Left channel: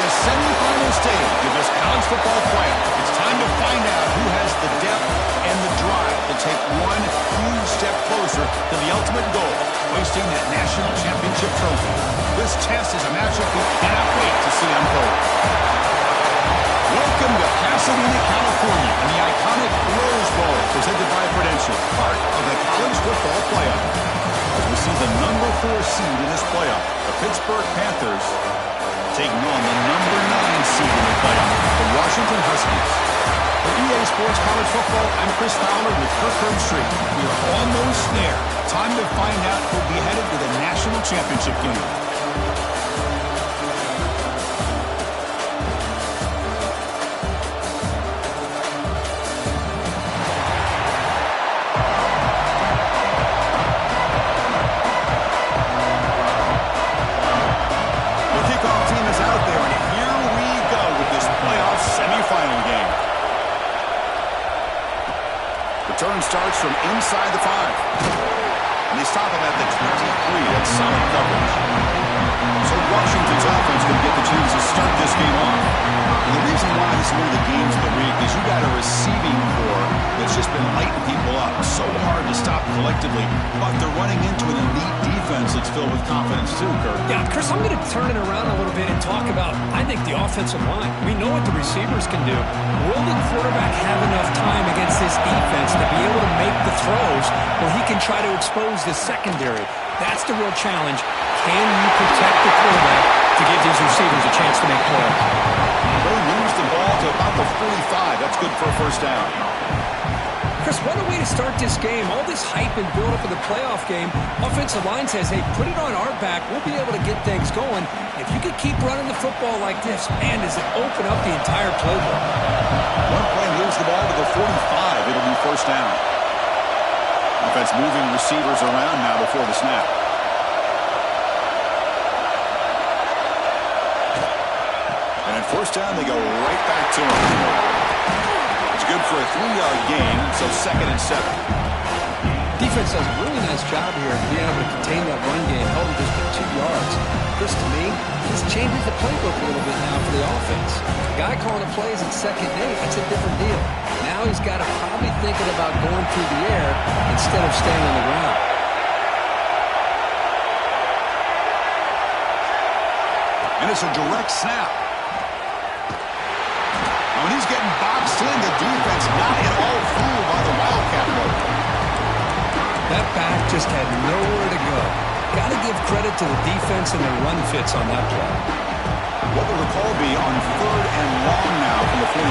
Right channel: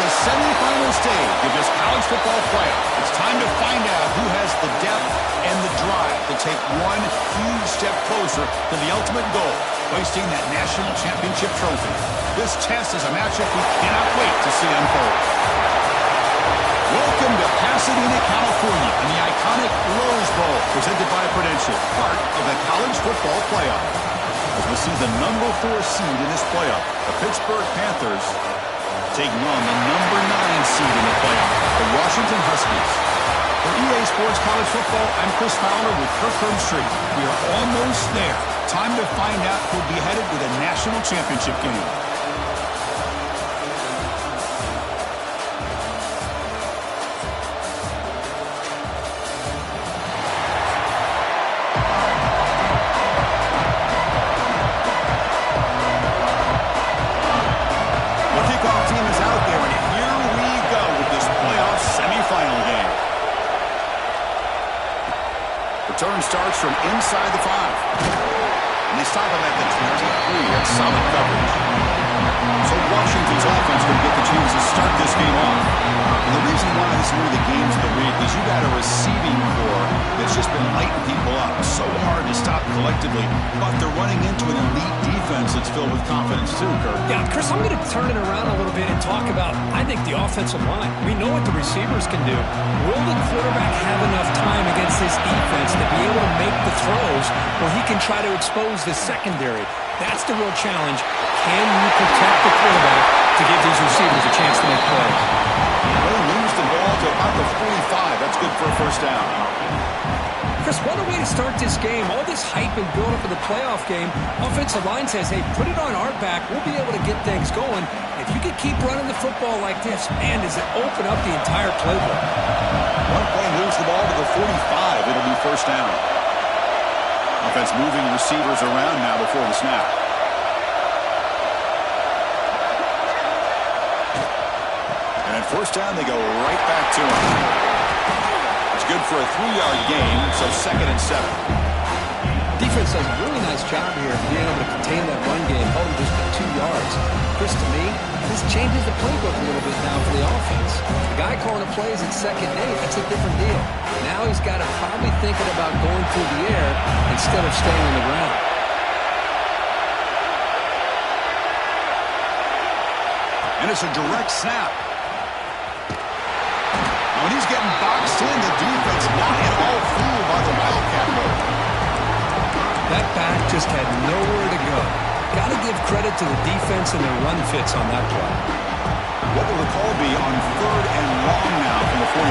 the semifinal stage of this college football playoff. It's time to find out who has the depth and the drive to take one huge step closer to the ultimate goal, hoisting that national championship trophy. This test is a matchup we cannot wait to see unfold. Welcome to Pasadena, California, and the iconic Rose Bowl, presented by Prudential, part of the college football playoff. As we see the number 4 seed in this playoff, the Pittsburgh Panthers, taking on the number 9 seed in the playoff, the Washington Huskies. For EA Sports College Football, I'm Chris Fowler with Kirk Herbstreit. We are almost there. Time to find out who'll be headed to the national championship game. Return starts from inside the 5. And they stop him at the 23. That's solid coverage. So Washington's offense going to get the chance to start this game off. And the reason why this is one of the games of the week is you got a receiving core that's just been lighting people up. So hard to stop collectively. But they're running into an elite defense that's filled with confidence too, Kirk. Yeah, Chris, I'm going to turn it around a little bit and talk about, I think, the offensive line. We know what the receivers can do. Will the quarterback have enough time against this defense to be able to make the throws where he can try to expose the secondary? That's the real challenge. Can you protect the quarterback to give these receivers a chance to make plays? They lose the ball to about the 45. That's good for a first down. Chris, what a way to start this game. All this hype and build-up of the playoff game. Offensive line says, hey, put it on our back. We'll be able to get things going. If you can keep running the football like this, man, does it open up the entire playbook. One play moves the ball to the 45. It'll be first down. Offense moving receivers around now before the snap. And at first down, they go right back to him. It's good for a 3-yard gain, so 2nd and 7. Defense does a really nice job here of being able to contain that run game, held him just to 2 yards. Chris, to me, this changes the playbook a little bit now for the offense. The guy calling the plays at 2nd and 8, that's a different deal. Now he's got to probably thinking about going through the air instead of staying on the ground. And it's a direct snap. When he's getting boxed in, the defense not at all fooled by the Wildcat mode. That back just had nowhere to go. Got to give credit to the defense and their run fits on that play. What will the call be on 3rd and long now from the 44?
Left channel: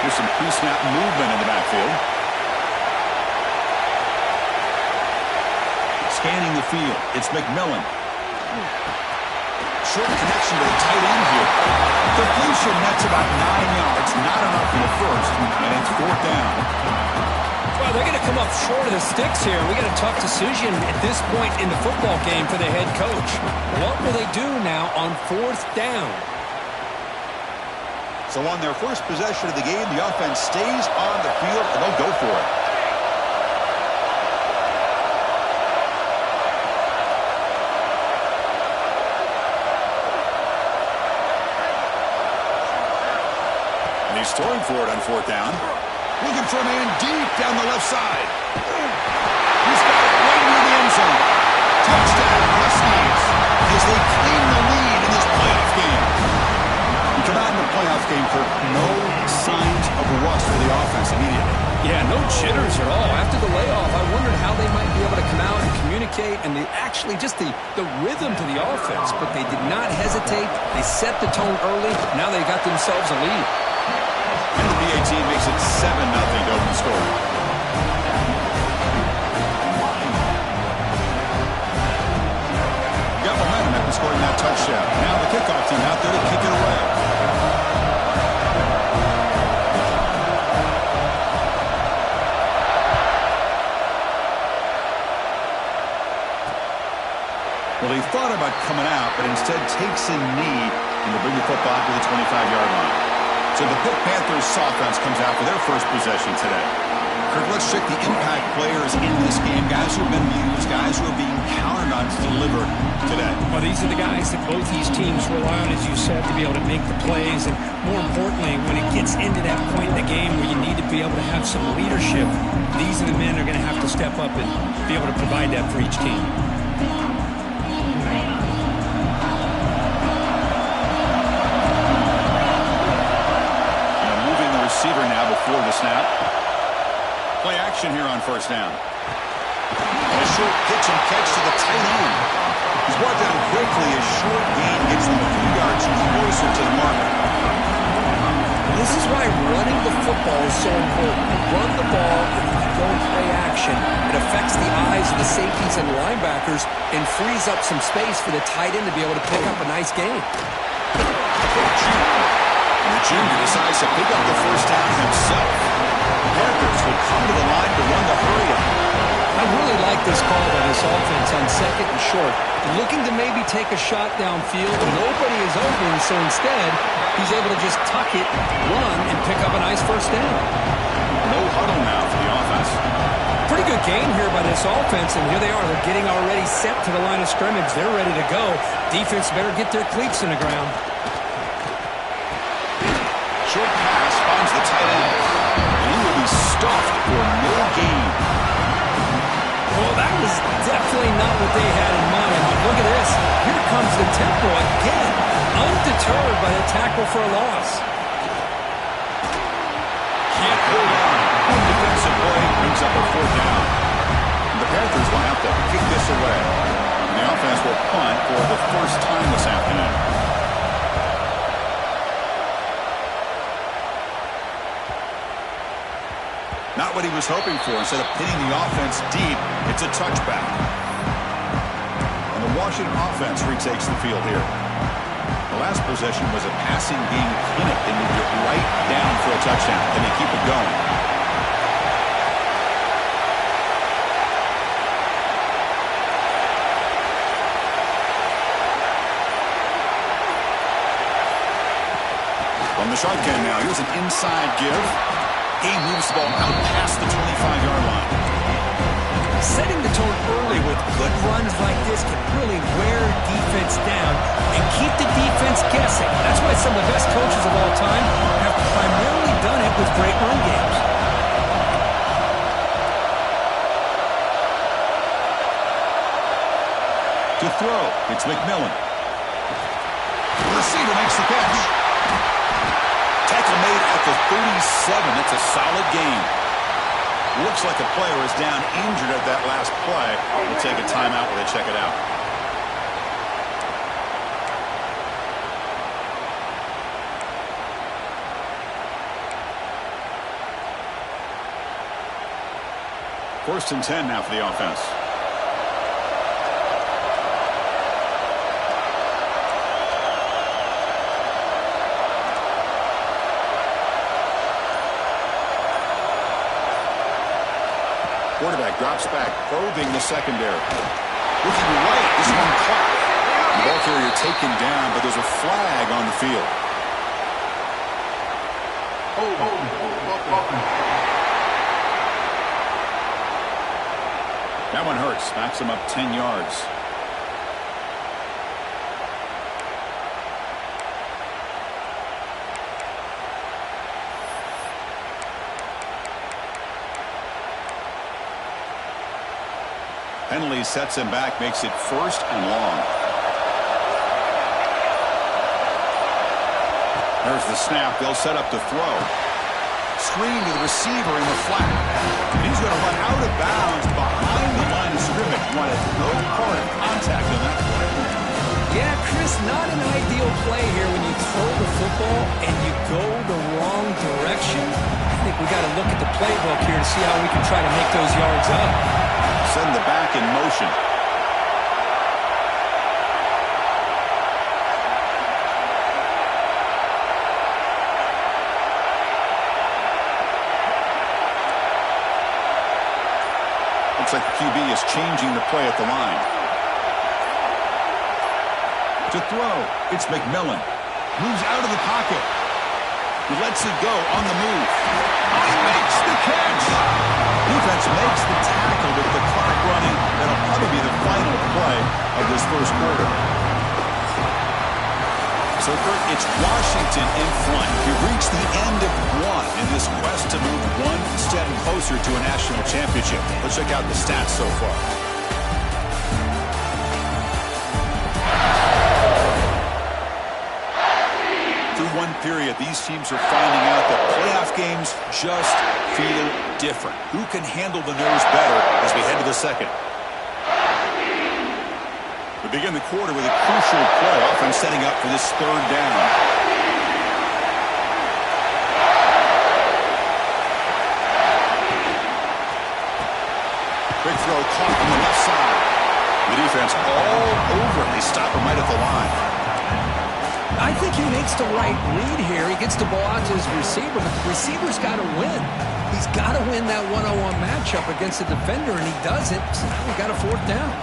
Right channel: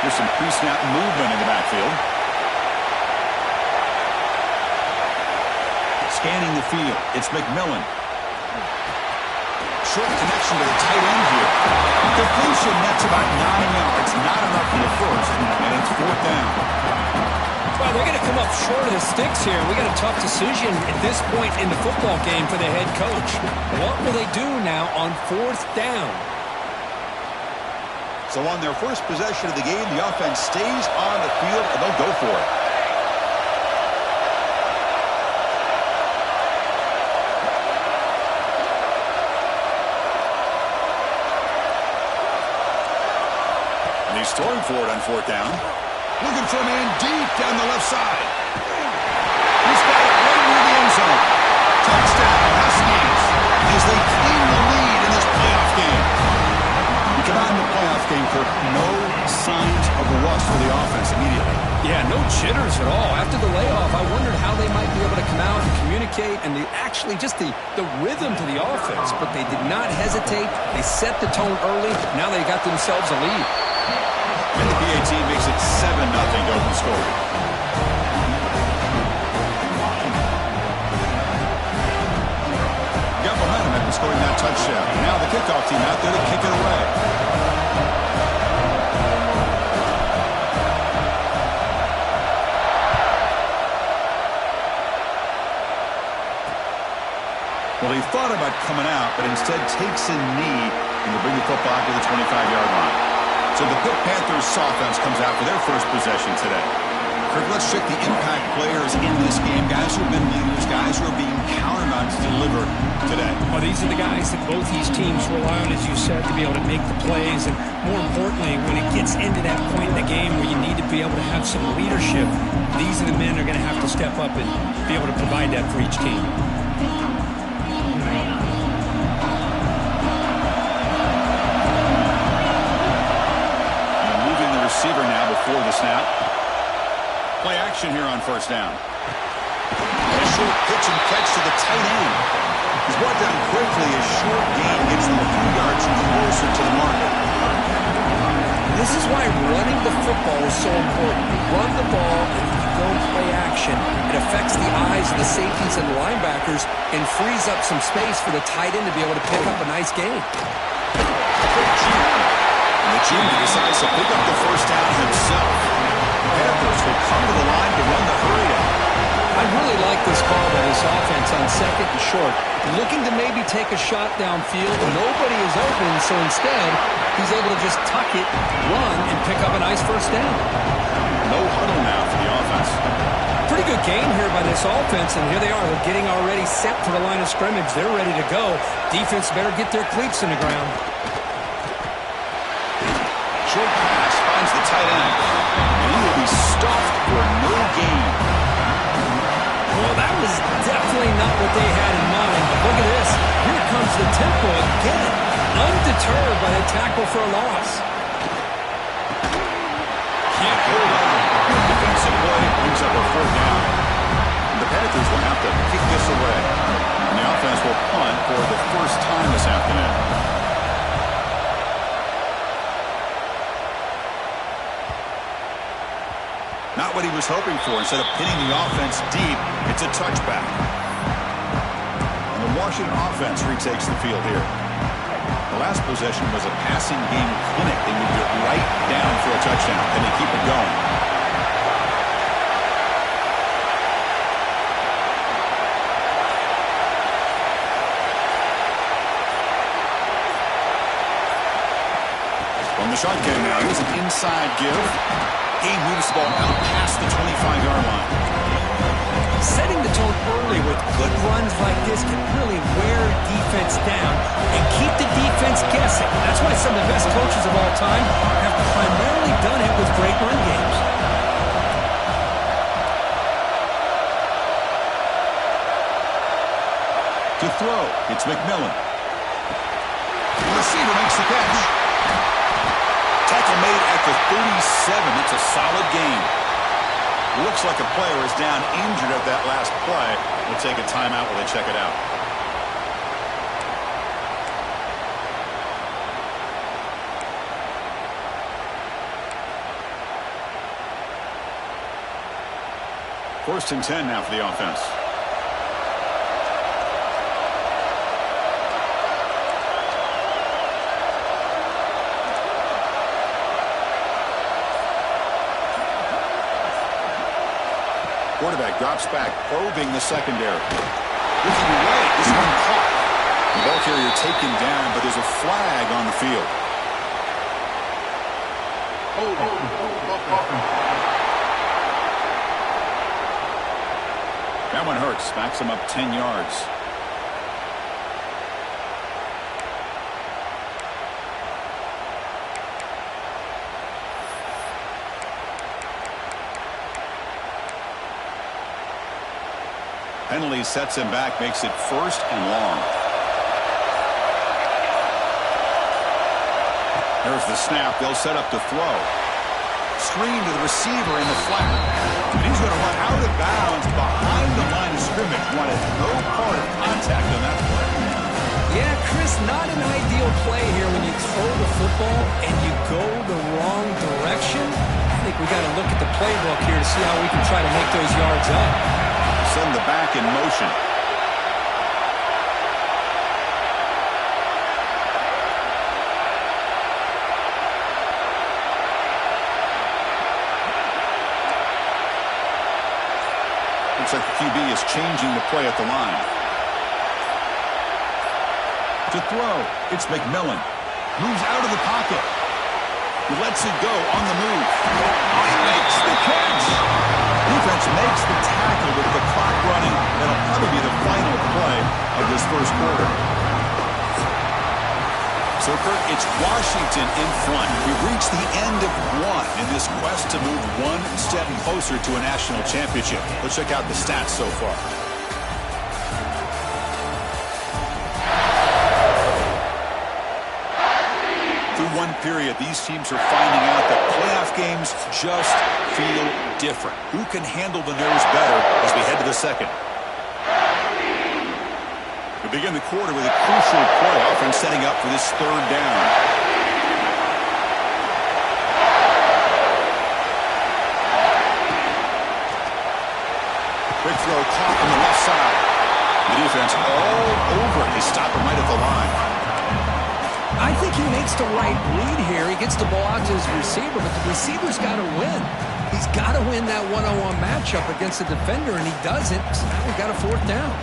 Here's some pre-snap movement in the backfield. Scanning the field, it's McMillan. Short connection to the tight end here. Completion, that's about 9 yards. Not enough for the first, and it's 4th down. Well, they're going to come up short of the sticks here. We got a tough decision at this point in the football game for the head coach. What will they do now on 4th down? So on their first possession of the game, the offense stays on the field, and they'll go for it. And he's throwing for it on 4th down. Looking for a man deep down the left side. He's got it right near the end zone. Touchdown, Huskies, as they claim the lead in this playoff game. You come out in the playoff game, Kirk, no signs of rust for the offense immediately. Yeah, no jitters at all. After the layoff, I wondered how they might be able to come out and communicate and actually just the rhythm to the offense. But they did not hesitate. They set the tone early. Now they got themselves a lead. And the PAT makes it 7-0 to open score. Got momentum after scoring that touchdown. Now the kickoff team out there to kick it away. Well, he thought about coming out, but instead takes a knee and will bring the football to the 25-yard line. So the Pitt Panthers offense comes out for their first possession today. Kirk, let's check the impact players in this game. Guys who have been leaders, guys who are being counted on to deliver today. Well, these are the guys that both these teams rely on, as you said, to be able to make the plays. And more importantly, when it gets into that point in the game where you need to be able to have some leadership, these are the men that are going to have to step up and be able to provide that for each team. Receiver now before the snap. Play action here on first down. And a short pitch and catch to the tight end. He's brought down quickly. A short gain gets them a few yards closer to the marker. This is why running the football is so important. You run the ball and then you go and play action. It affects the eyes of the safeties and the linebackers and frees up some space for the tight end to be able to pick up a nice gain. A quick juke. And the junior decides to pick up the first down himself. Panthers will come to the line to run the hurry-up. I really like this call by this offense on second and short. Looking to maybe take a shot downfield. Nobody is open, so instead, he's able to just tuck it, run, and pick up a nice first down. No huddle now for the offense. Pretty good gain here by this offense, and here they are. They're getting already set to the line of scrimmage. They're ready to go. Defense better get their cleats in the ground. Short pass finds the tight end, and he will be stuffed for no gain. Well, that was definitely not what they had in mind, but look at this. Here comes the tempo again, undeterred by the tackle for a loss. Can't hold on. Good defensive play brings up a fourth down. And the Panthers will have to kick this away. And the offense will punt for the first time this afternoon. Not what he was hoping for. Instead of pinning the offense deep, it's a touchback. And the Washington offense retakes the field here. The last possession was a passing game clinic. They moved it right down for a touchdown. Can they keep it going? From the shotgun now, here's an inside give. He moves the ball out past the 25-yard line. Setting the tone early with good runs like this can really wear defense down and keep the defense guessing. That's why some of the best coaches of all time have primarily done it with great run games. To throw, it's McMillan. The receiver makes the catch. Tackle made at the 37. It's a solid gain. Looks like a player is down injured at that last play. We'll take a timeout while they check it out. First and 10 now for the offense. Quarterback drops back, probing the secondary. Looking right, this one caught. The ball carrier taken down, but there's a flag on the field. That one hurts. Backs him up 10 yards. Penalty sets him back, makes it first and long. There's the snap. They'll set up to throw. Screen to the receiver in the flat. And he's going to run out of bounds behind the line of scrimmage. Wanted no part of contact on that play. Yeah, Chris, not an ideal play here when you throw the football and you go the wrong direction. I think we got to look at the playbook here to see how we can try to make those yards up. Send the back in motion. Looks like the QB is changing the play at the line. To throw, it's McMillan. Moves out of the pocket. He lets it go on the move. Oh, he makes the catch. Defense makes the tackle with the clock running. That'll probably be the final play of this first quarter. So, Kurt, it's Washington in front. We've reached the end of one in this quest to move one step closer to a national championship. Let's check out the stats so far. Through one period, these teams are finding out that playoff games just feel different. Who can handle the nerves better as we head to the second? We begin the quarter with a crucial play, offense setting up for this third down. Quick throw caught on the left side. The defense all over it. They stop him right at the line. I think he makes the right read here. He gets the ball out to his receiver, but the receiver's got to win. He's got to win that one-on-one matchup against the defender, and he doesn't. So now we got a fourth down.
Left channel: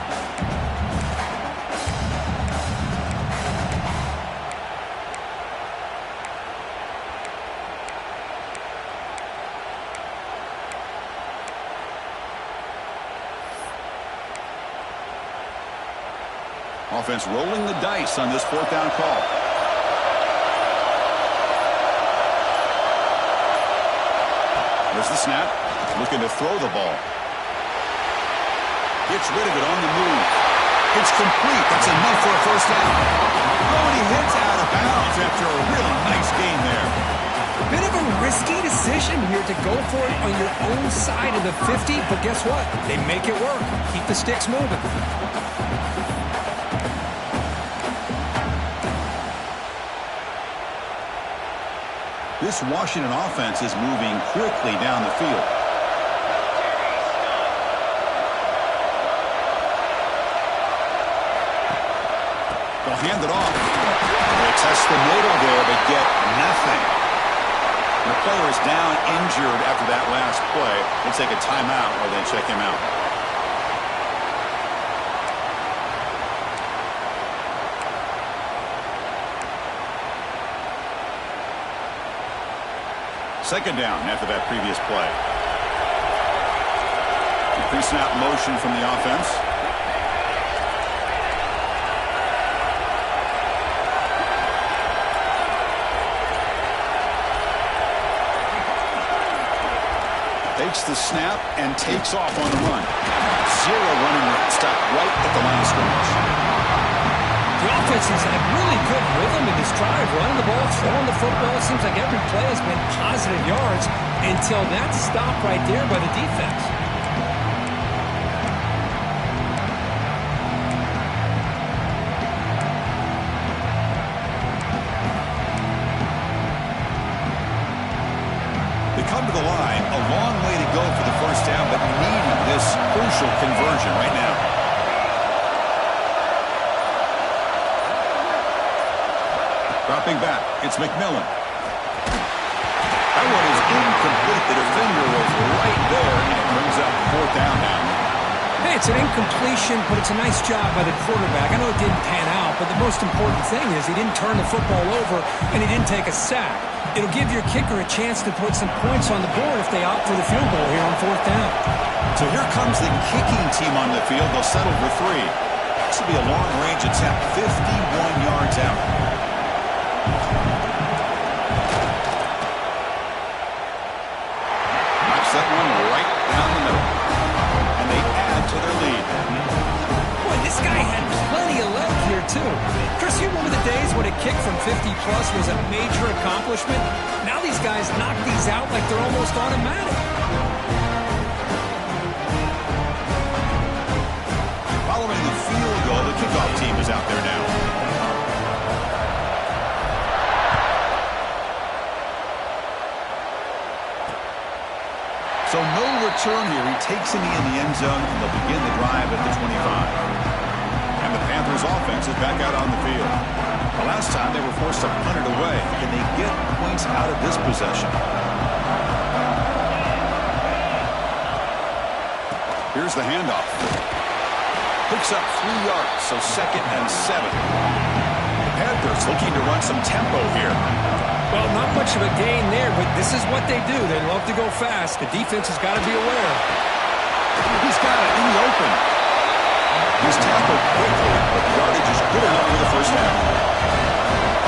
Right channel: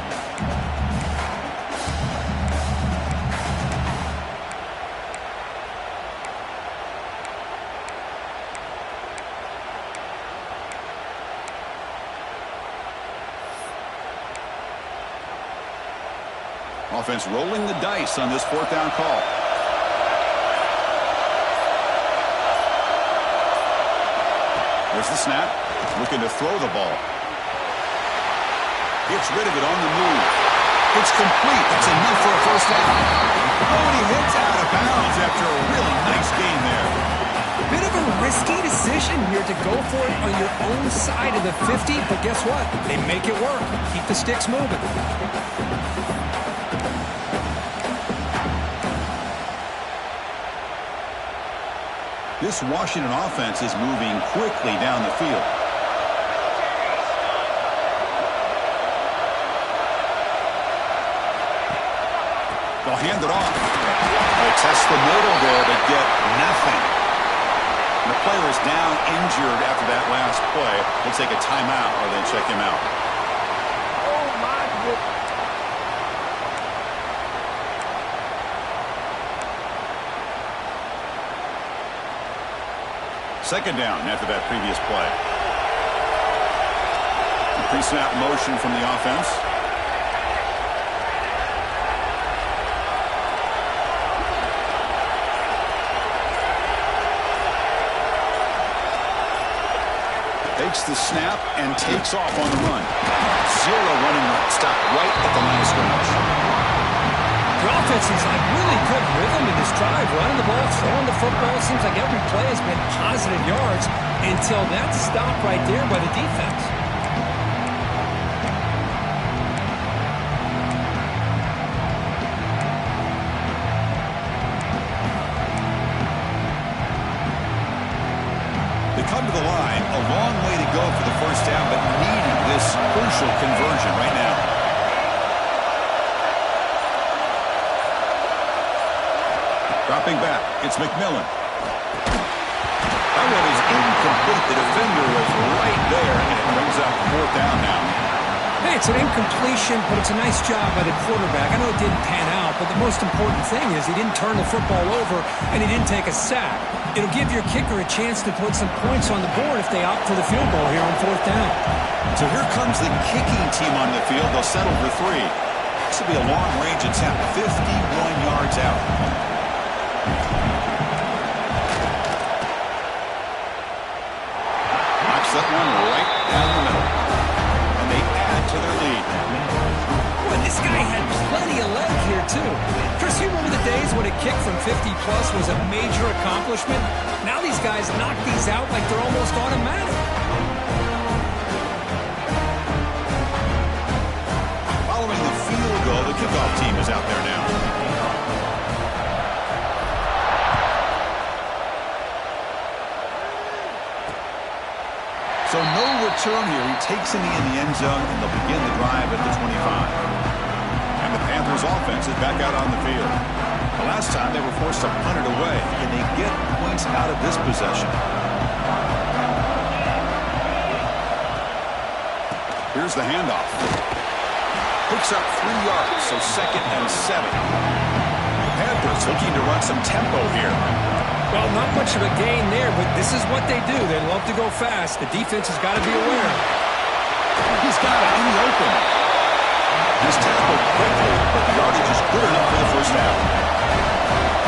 Offense rolling the dice on this fourth down call. There's the snap. Looking to throw the ball. Gets rid of it on the move. It's complete. That's enough for a first down. Oh, and he hits out of bounds after a really nice gain there. Bit of a risky decision here to go for it on your own side of the 50, but guess what? They make it work. Keep the sticks moving. This Washington offense is moving quickly down the field. They'll hand it off. They test the middle there, but get nothing. The player is down injured after that last play. We'll take a timeout or then check him out. Second down after that previous play. The pre-snap motion from the offense. Takes the snap and takes off on the run. Zero running room. Stopped right at the line of scrimmage. The offense has had really good rhythm in this drive, running the ball, throwing the football. It seems like every play has been positive yards until that stop right there by the defense. They come to the line, a long way to go for the first down, but needing this crucial conversion right now. Dropping back, it's McMillan. That one is incomplete. The defender was right there, and it brings up fourth down now. Hey, it's an incompletion, but it's a nice job by the quarterback. I know it didn't pan out, but the most important thing is he didn't turn the football over, and he didn't take a sack. It'll give your kicker a chance to put some points on the board if they opt for the field goal here on fourth down. So here comes the kicking team on the field. They'll settle for three. This will be a long-range attempt, 51 yards out. Knocks that one right down the middle. And they add to their lead. Boy, this guy had plenty of leg here, too. Chris, you remember the days when a kick from 50-plus was a major accomplishment? Now these guys knock these out like they're almost automatic. Following the field goal, the kickoff team is out there now. So no return here. He takes it in the end zone, and they'll begin the drive at the 25. And the Panthers offense is back out on the field. The last time they were forced to punt it away. Can they get points out of this possession? Here's the handoff. Picks up 3 yards, so 2nd and 7. The Panthers looking to run some tempo here. Well, not much of a gain there, but this is what they do. They love to go fast. The defense has got to be aware. He's got it in the open. He's tackled quickly, but the yardage is good enough for the first half.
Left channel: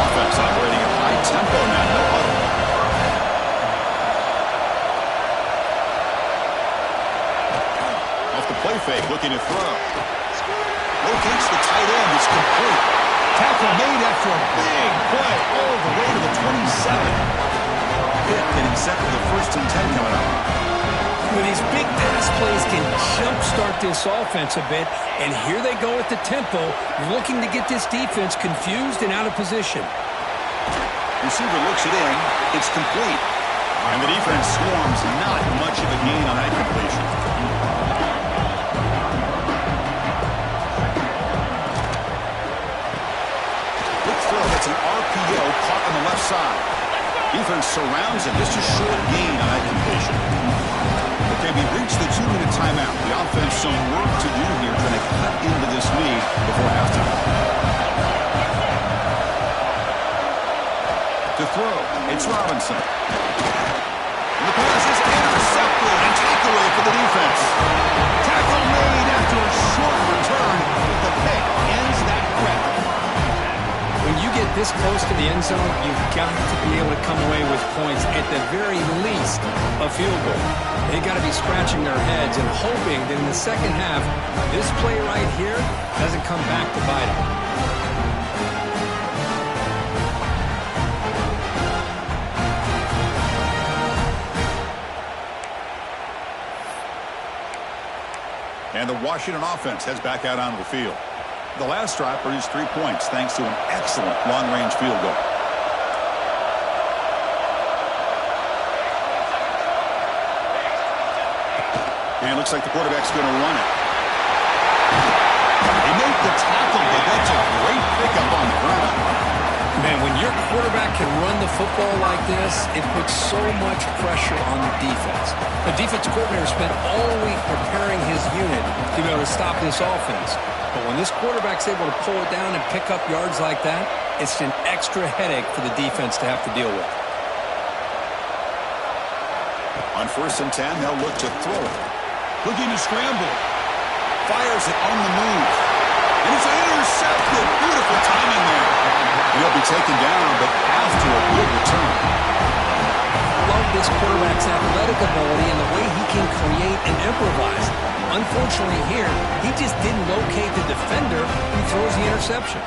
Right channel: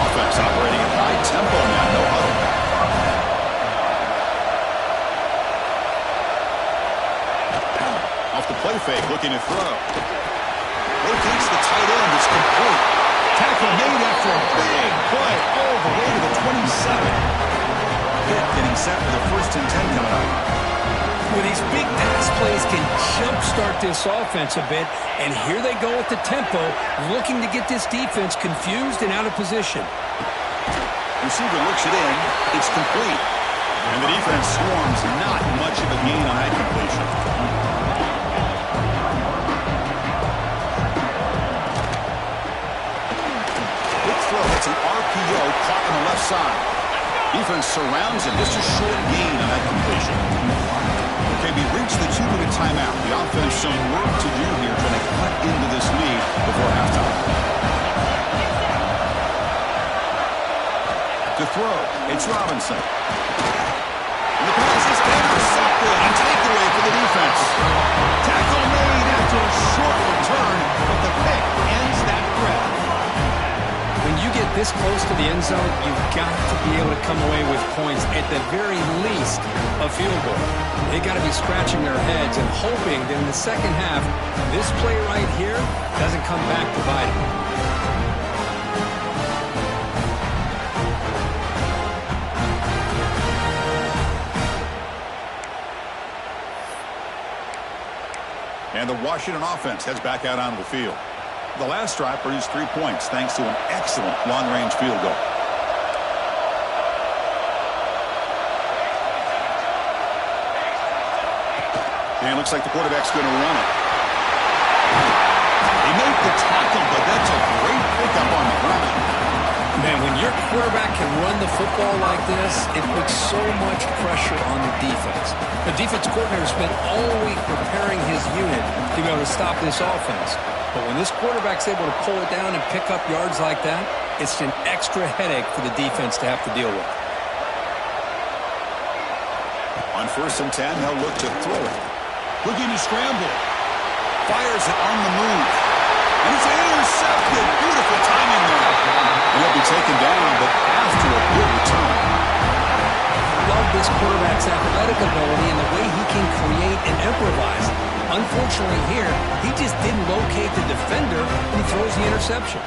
Offense operating at high tempo now, no huddle. Off the play fake, looking to throw. Rotates the tight end, it's complete. Tackle made after a big play all the way to the 27. Pitt getting set for the 1st and 10 coming up. With these big pass plays can jumpstart this offense a bit, and here they go at the tempo, looking to get this defense confused and out of position. Receiver looks it in, it's complete. And the defense swarms, not much of a gain on that completion. It's an RPO caught on the left side. Defense surrounds him. Just a short gain on that completion. Okay, we reached the 2-minute timeout. The offense some work to do here, trying to cut into this lead before halftime. To throw, it's Robinson. And the pass is intercepted and takeaway for the defense. Tackle made after a short return, but the pick ends that threat. When you get this close to the end zone, you've got to be able to come away with points, at the very least, a field goal. They got to be scratching their heads and hoping that in the second half, this play right here doesn't come back to bite them. And the Washington offense heads back out onto the field. The last drive produced 3 points thanks to an excellent long-range field goal. And it looks like the quarterback's going to run it. They make the tackle, but that's a great pickup on the ground. Man, when your quarterback can run the football like this, it puts so much pressure on the defense. The defense coordinator spent all week preparing his unit to be able to stop this offense. But when this quarterback's able to pull it down and pick up yards like that, it's an extra headache for the defense to have to deal with. On 1st and 10, they'll look to throw it. Looking to scramble. Fires it on the move. And it's intercepted. Beautiful timing there. And he'll be taken down, but after a good return. Love this quarterback's athletic ability and the way he can create and improvise. Unfortunately here, he just didn't locate the defender and he throws the interception.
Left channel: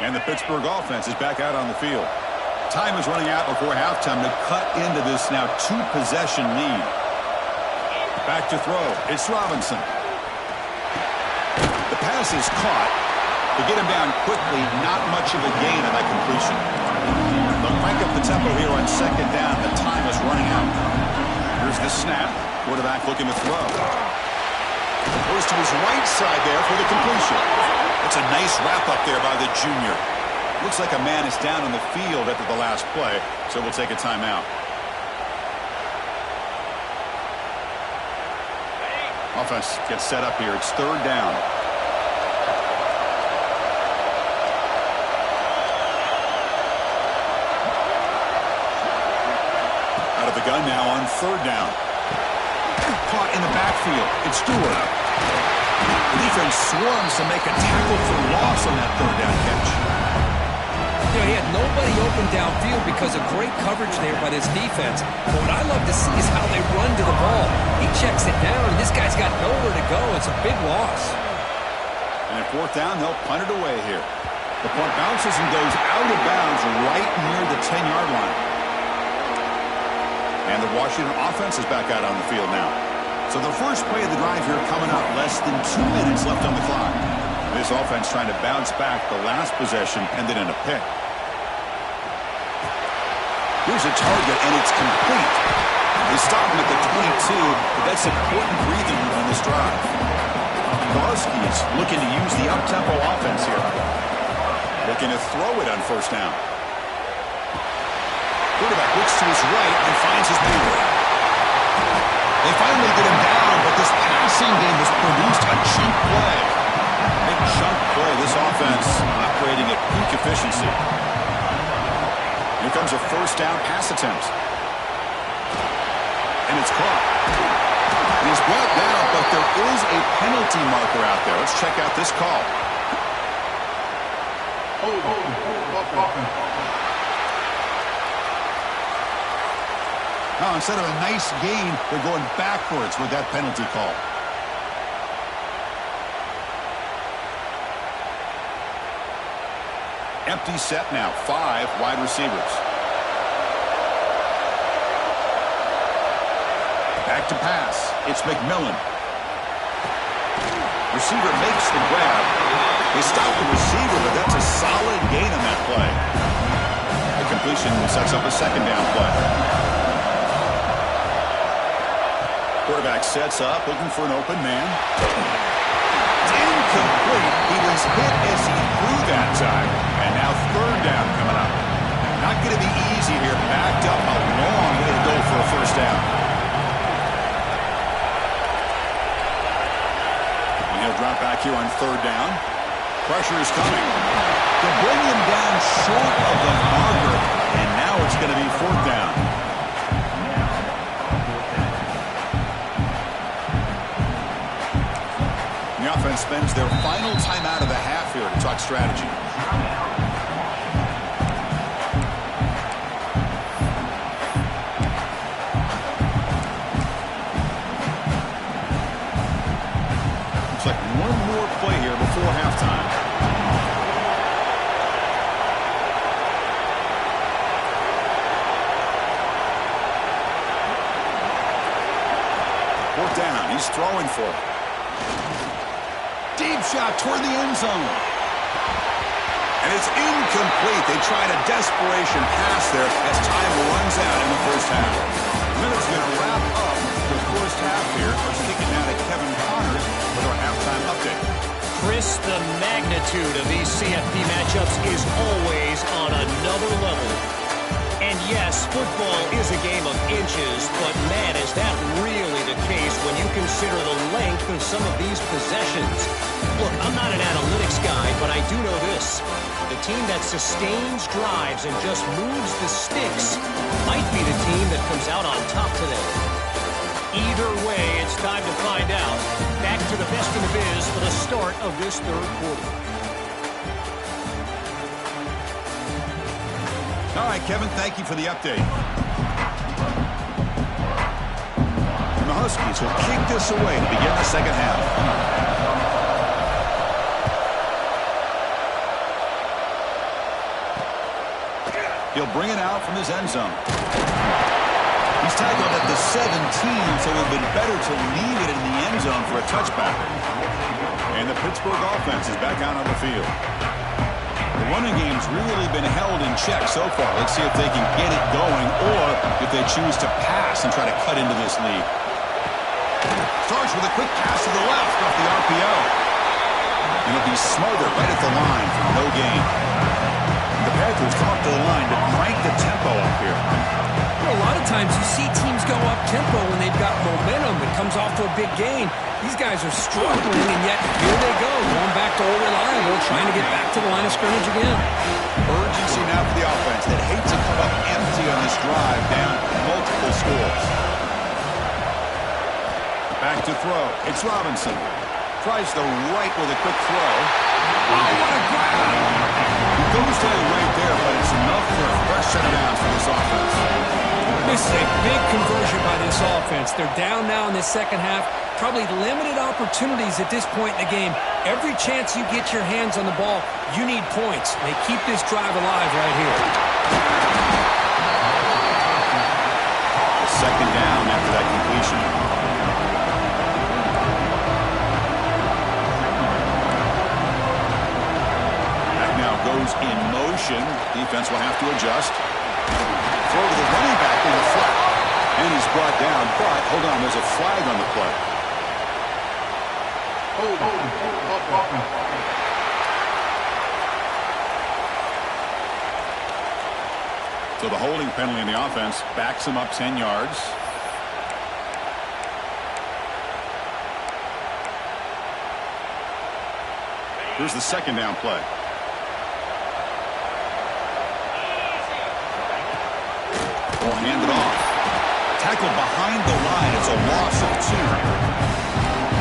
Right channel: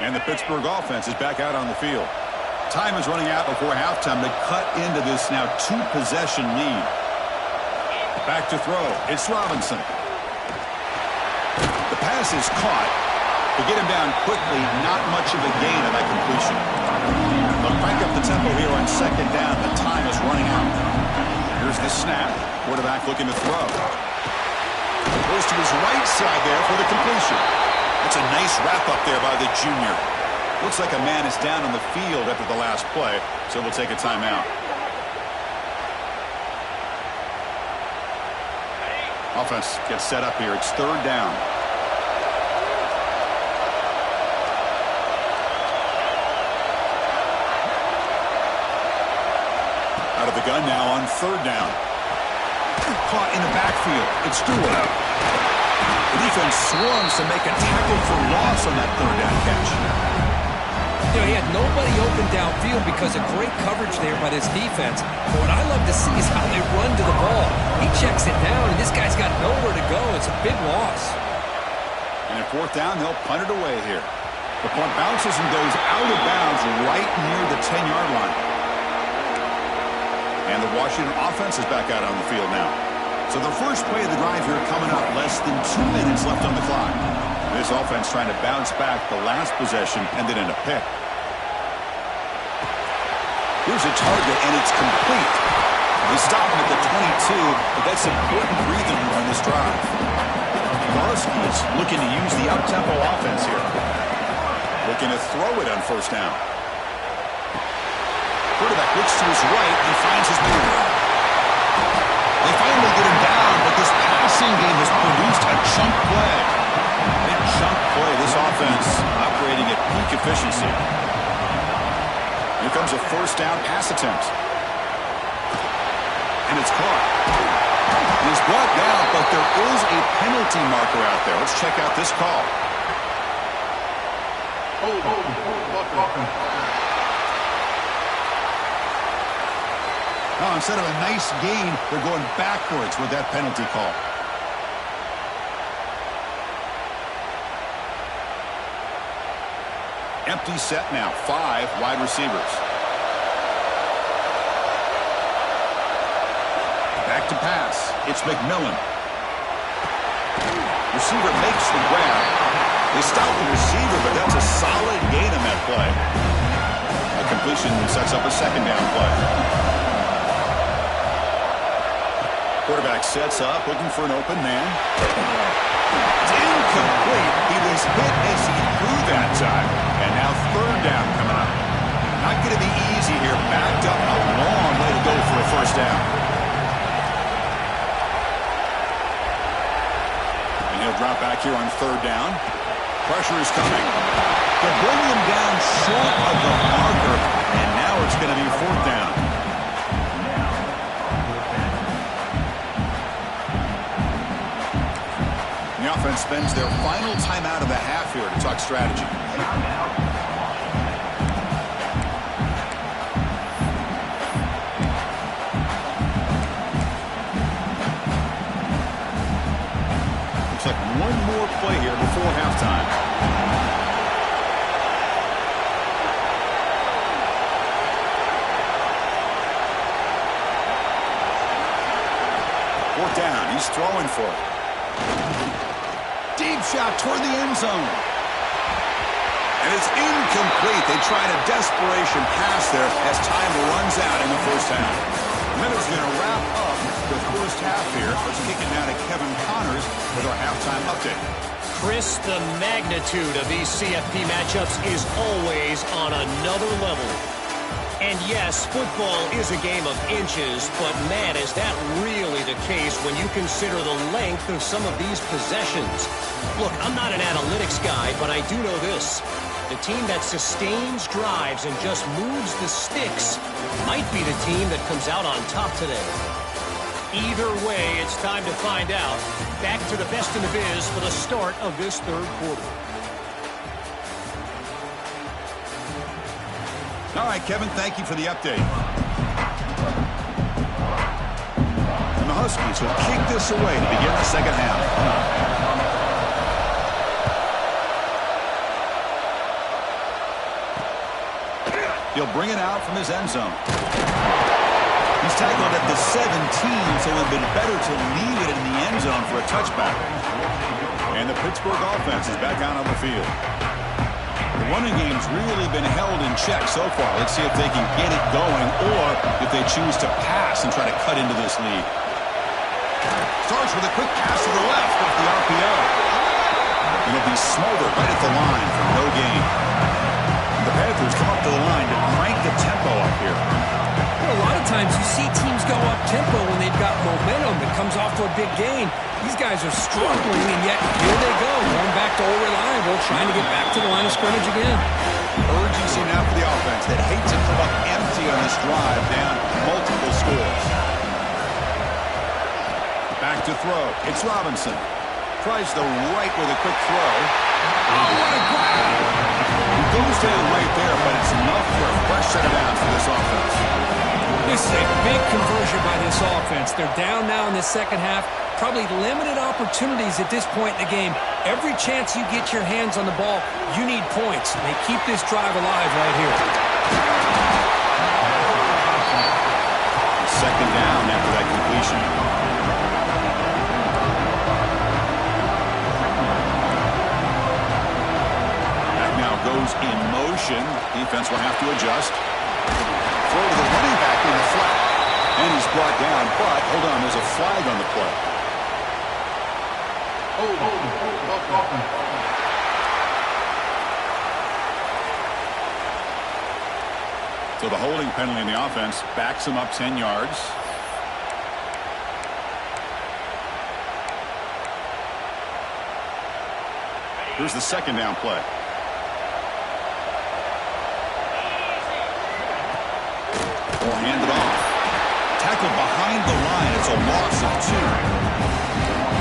And the Pittsburgh offense is back out on the field. Time is running out before halftime to cut into this now 2-possession lead. Back to throw. It's Robinson. The pass is caught. To get him down quickly, not much of a gain on that completion. They'll crank up the tempo here on 2nd down. The time is running out. Here's the snap. Quarterback looking to throw. Goes to his right side there for the completion. That's a nice wrap up there by the junior. Looks like a man is down on the field after the last play, so we'll take a timeout. Offense gets set up here. It's 3rd down. Out of the gun now on 3rd down. Caught in the backfield. It's Stewart. The defense swarms to make a tackle for loss on that 3rd down catch. You know, he had nobody open downfield because of great coverage there by this defense. But what I love to see is how they run to the ball. He checks it down, and this guy's got nowhere to go. It's a big loss. And at 4th down, they'll punt it away here. The punt bounces and goes out of bounds right near the 10-yard line. And the Washington offense is back out on the field now. So the first play of the drive here coming up, less than 2 minutes left on the clock. This offense trying to bounce back. The last possession ended in a pick. Here's a target, and it's complete. They stop him at the 22, but that's important breathing room on this drive. The Huskies looking to use the up-tempo offense here. Looking to throw it on first down. Quarterback looks to his right and finds his man. They finally get him down, but this passing game has produced a chunk play. Big chunk play. This offense operating at peak efficiency. Here comes a first down pass attempt. And it's caught. And he's brought down, but there is a penalty marker out there. Let's check out this call. Now, instead of a nice gain, they're going backwards with that penalty call. Empty set now. 5 wide receivers. Back to pass. It's McMillan. Receiver makes the grab. They stop the receiver, but that's a solid gain on that play. A completion sets up a second down play. Quarterback sets up, looking for an open man. It's incomplete. He was hit as he threw that time. And now third down coming up. Not going to be easy here. Backed up, a long way to go for a first down. And he'll drop back here on third down. Pressure is coming. They bring him down short of the marker, and now it's going to be fourth down. The offense spends their final timeout of the half here to talk strategy. Looks like one more play here before halftime. Fourth down. He's throwing for it. Deep shot toward the end zone. And it's incomplete. They tried a desperation pass there as time runs out in the first half. Minutes going to wrap up the first half here. Let's kick it now to Kevin Connors with our halftime update. Chris, the magnitude of these CFP matchups is always on another level. And yes, football is a game of inches, but man, is that really the case when you consider the length of some of these possessions. Look, I'm not an analytics guy, but I do know this. The team that sustains drives and just moves the sticks might be the team that comes out on top today. Either way, it's time to find out. Back to the best in the biz for the start of this third quarter. All right, Kevin, thank you for the update. And the Huskies will kick this away to begin the second half. He'll bring it out from his end zone. He's tackled at the 17, so it would have been better to leave it in the end zone for a touchback. And the Pittsburgh offense is back out on the field. The running game's really been held in check so far. Let's see if they can get it going or if they choose to pass and try to cut into this lead. Starts with a quick pass to the left off the RPO. It'll be Smolder right at the line for no gain. The Panthers come up to the line to crank the tempo up here. A lot of times you see teams go up-tempo when they've got momentum that comes off to a big gain. These guys are struggling, and yet here they go, going back to old reliable, trying to get back to the line of scrimmage again. Urgency now for the offense that hate to come up empty on this drive, down multiple scores. Back to throw. It's Robinson. Tries the right with a quick throw. Oh, what a grab! He goes down right there, but it's enough for a fresh set of downs for this offense. This is a big conversion by this offense. They're down now in the second half. Probably limited opportunities at this point in the game. Every chance you get your hands on the ball, you need points. They keep this drive alive right here. A second down after that completion. That now goes in motion. Defense will have to adjust. Throw to the running back in the flat. And he's brought down, but hold on, there's a flag on the play. So the holding penalty in the offense backs him up 10 yards. Here's the second down play. Ball handed off. Tackled behind the line. It's a loss of 2.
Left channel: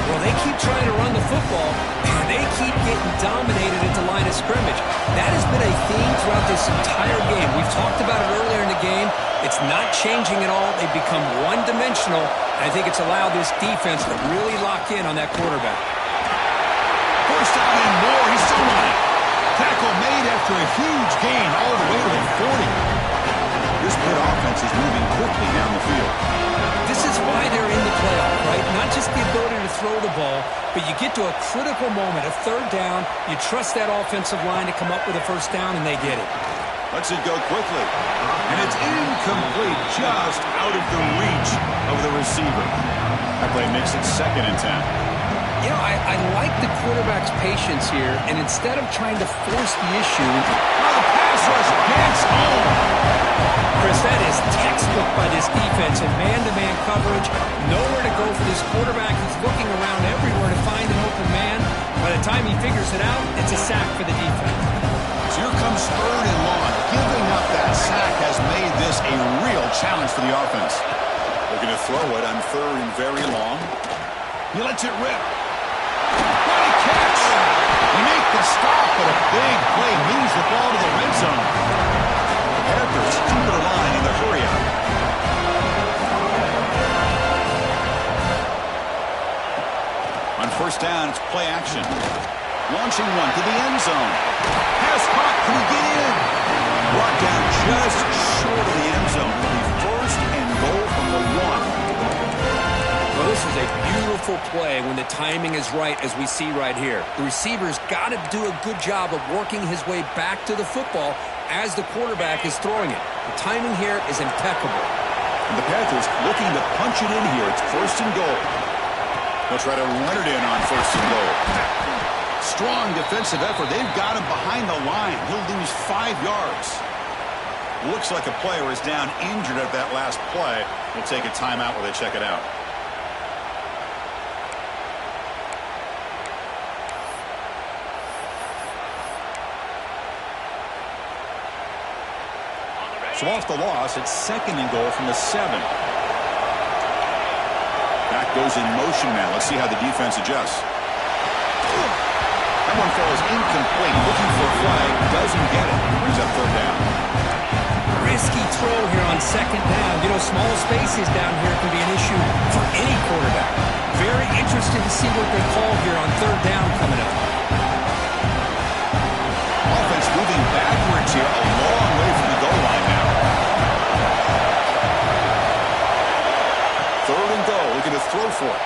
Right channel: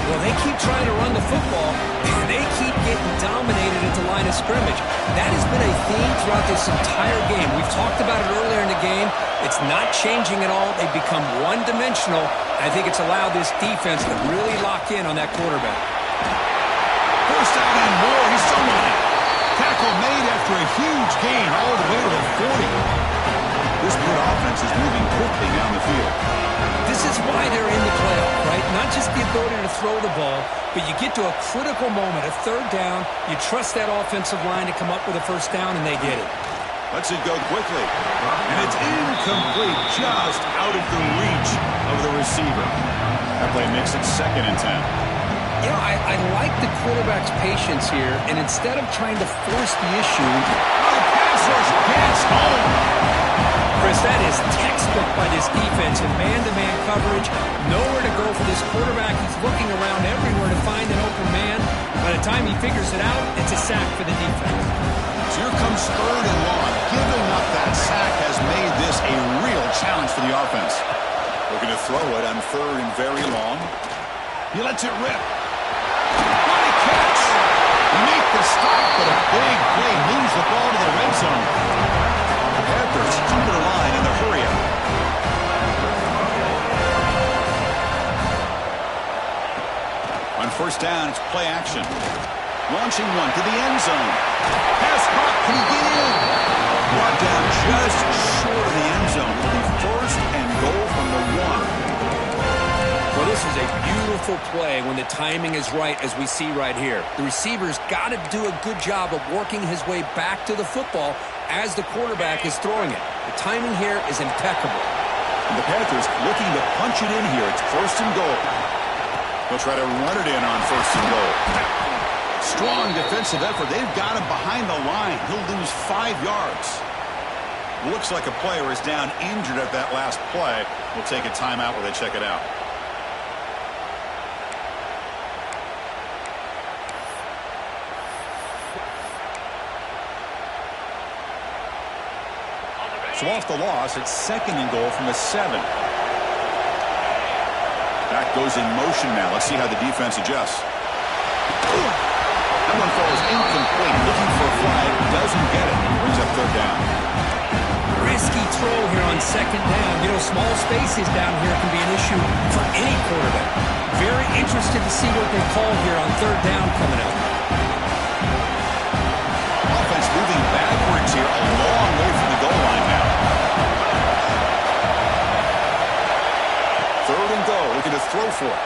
Well, they keep trying to run the football, and they keep getting dominated at the line of scrimmage. That has been a theme throughout this entire game. We've talked about it earlier in the game. It's not changing at all. They've become one-dimensional. I think it's allowed this defense to really lock in on that quarterback. First down and more. He's still running. Tackle made after a huge gain all the way to the 40. This good offense is moving quickly down the field. This is why they're in the playoff, right? Not just the ability to throw the ball, but you get to a critical moment, a third down. You trust that offensive line to come up with a first down, and they get it. Lets it go quickly. And it's incomplete, just out of the reach of the receiver. That play makes it 2nd and 10. You know, I like the quarterback's patience here, and instead of trying to force the issue... Oh, the pass rush gets home. Chris, that is textbook by this defense in man-to-man coverage. Nowhere to go for this quarterback. He's looking around everywhere to find an open man. By the time he figures it out, it's a sack for the defense. So here comes 3rd and long. Giving up that sack has made this a real challenge for the offense. Looking to throw it on 3rd and very long. He lets it rip. What a catch! They make the stop, but a big play moves the ball to the red zone. The Panthers come to the line in the hurry-up. On first down, it's play action. Launching one to the end zone. Pass caught. Can he get in? Brought down just short of the end zone. It'll be 1st and goal from the 1. Well, this is a beautiful play when the timing is right, as we see right here. The receiver's got to do a good job of working his way back to the football as the quarterback is throwing it. The timing here is impeccable. And the Panthers looking to punch it in here. It's 1st and goal. They'll try to run it in on 1st and goal. Strong defensive effort. They've got him behind the line. He'll lose 5 yards. Looks like a player is down injured at that last play. We'll take a timeout while they check it out. So off the loss, it's 2nd and goal from the 7. Back goes in motion now. Let's see how the defense adjusts. That one falls incomplete. Looking for a flag. Doesn't get it. Brings up 3rd down. Risky throw here on 2nd down. You know, small spaces down here can be an issue for any quarterback. Very interested to see what they call here on 3rd down coming up. Offense moving backwards here, a long way from the goal line now. 3rd and goal, looking to throw for it.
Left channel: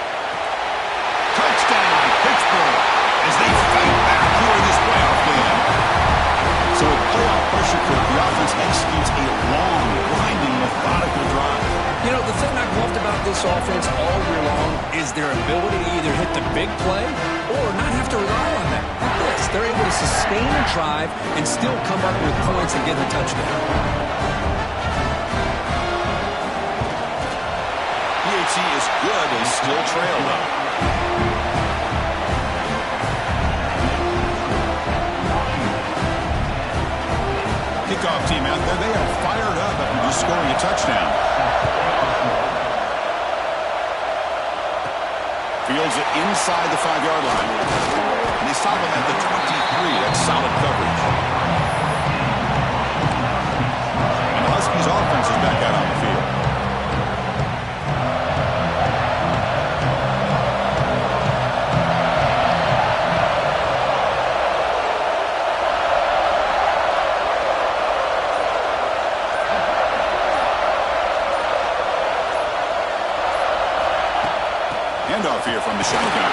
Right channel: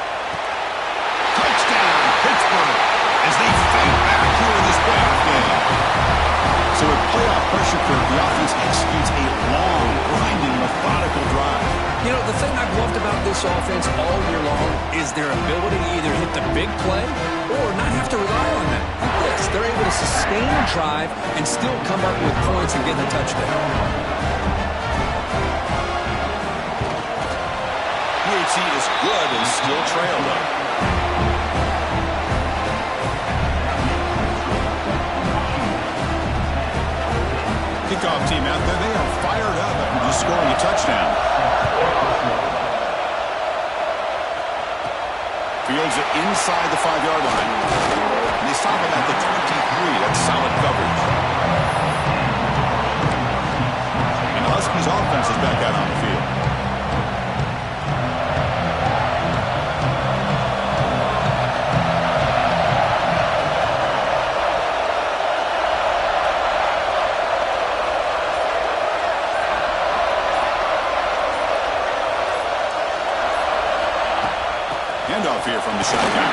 Touchdown, Pittsburgh, as they fight back here in this playoff game. So with playoff pressure curve, the offense executes a long, grinding, methodical drive. You know, the thing I've loved about this offense all year long is their ability to either hit the big play or not have to rely on that. Like this, they're able to sustain a drive and still come up with points and get a touchdown. PHC is good and still trailed up. Kickoff team out there, they are fired up after just scoring a touchdown. Fields it inside the 5-yard line. And they stop him at the 23. That's solid coverage. And the Huskies offense is back out on the field. Handoff here from the shotgun.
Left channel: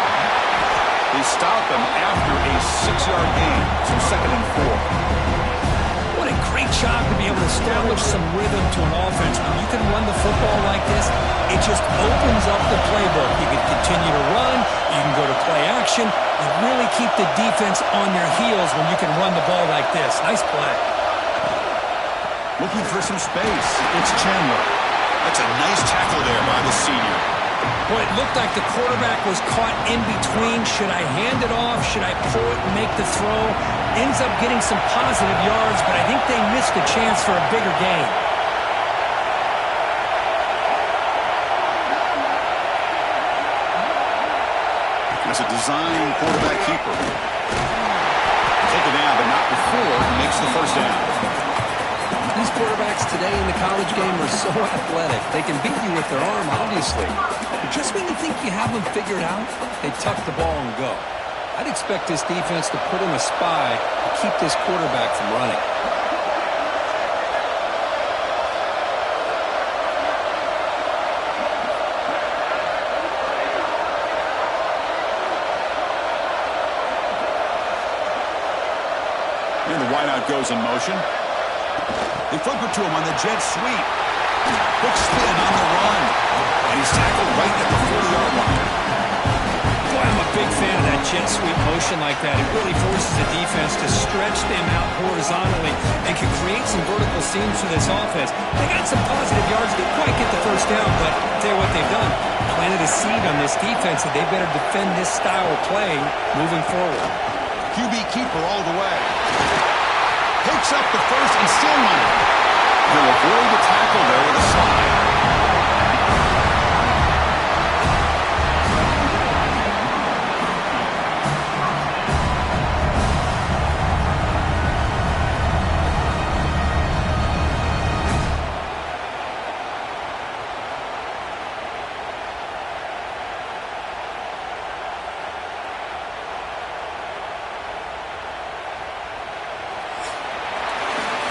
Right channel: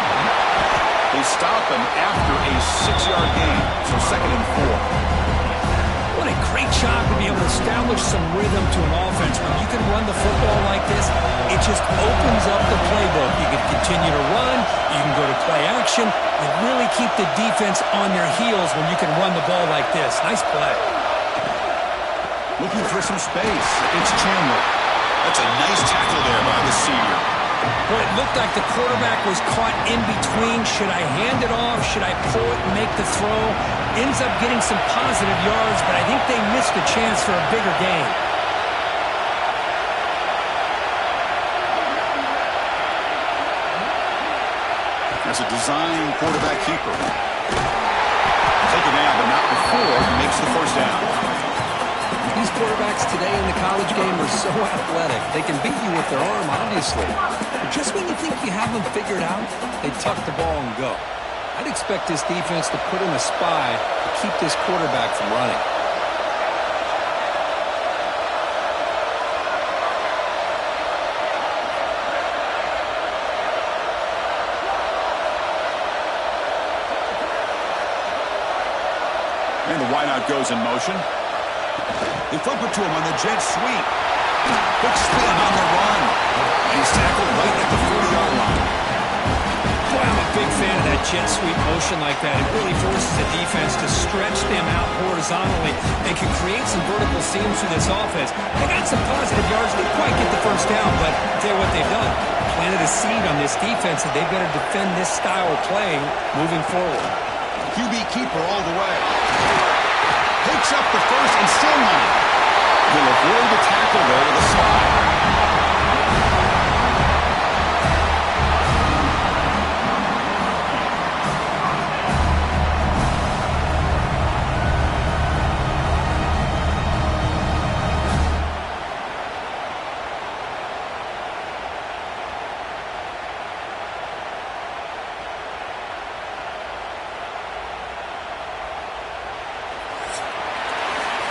They stop him after a 6-yard gain, so 2nd and 4. What incredible Great job to be able to establish some rhythm to an offense. When you can run the football like this, it just opens up the playbook. You can continue to run. You can go to play action. You really keep the defense on their heels when you can run the ball like this. Nice play. Looking for some space. It's Chandler. That's a nice tackle there by the senior. Boy, it looked like the quarterback was caught in between. Should I hand it off? Should I pull it and make the throw? Ends up getting some positive yards, but I think they missed a chance for a bigger gain. That's a design quarterback keeper. Taken down, but not before he makes the first down. These quarterbacks today in the college game are so athletic. They can beat you with their arm, obviously. But just when you think you have them figured out, they tuck the ball and go. I'd expect this defense to put in a spy to keep this quarterback from running. And the wideout goes in motion. They flip it to him on the jet sweep. Quick spin on the run. And he's tackled right at the 40-yard line. Boy, I'm a big fan of that jet sweep motion like that. It really forces the defense to stretch them out horizontally and can create some vertical seams for this offense. They got some positive yards. Didn't quite get the first down, but I'll tell you what they've done. Planted a seed on this defense that they better defend this style of play moving forward. QB keeper all the way. Picks up the first and still running. He'll avoid the tackle there with a slide.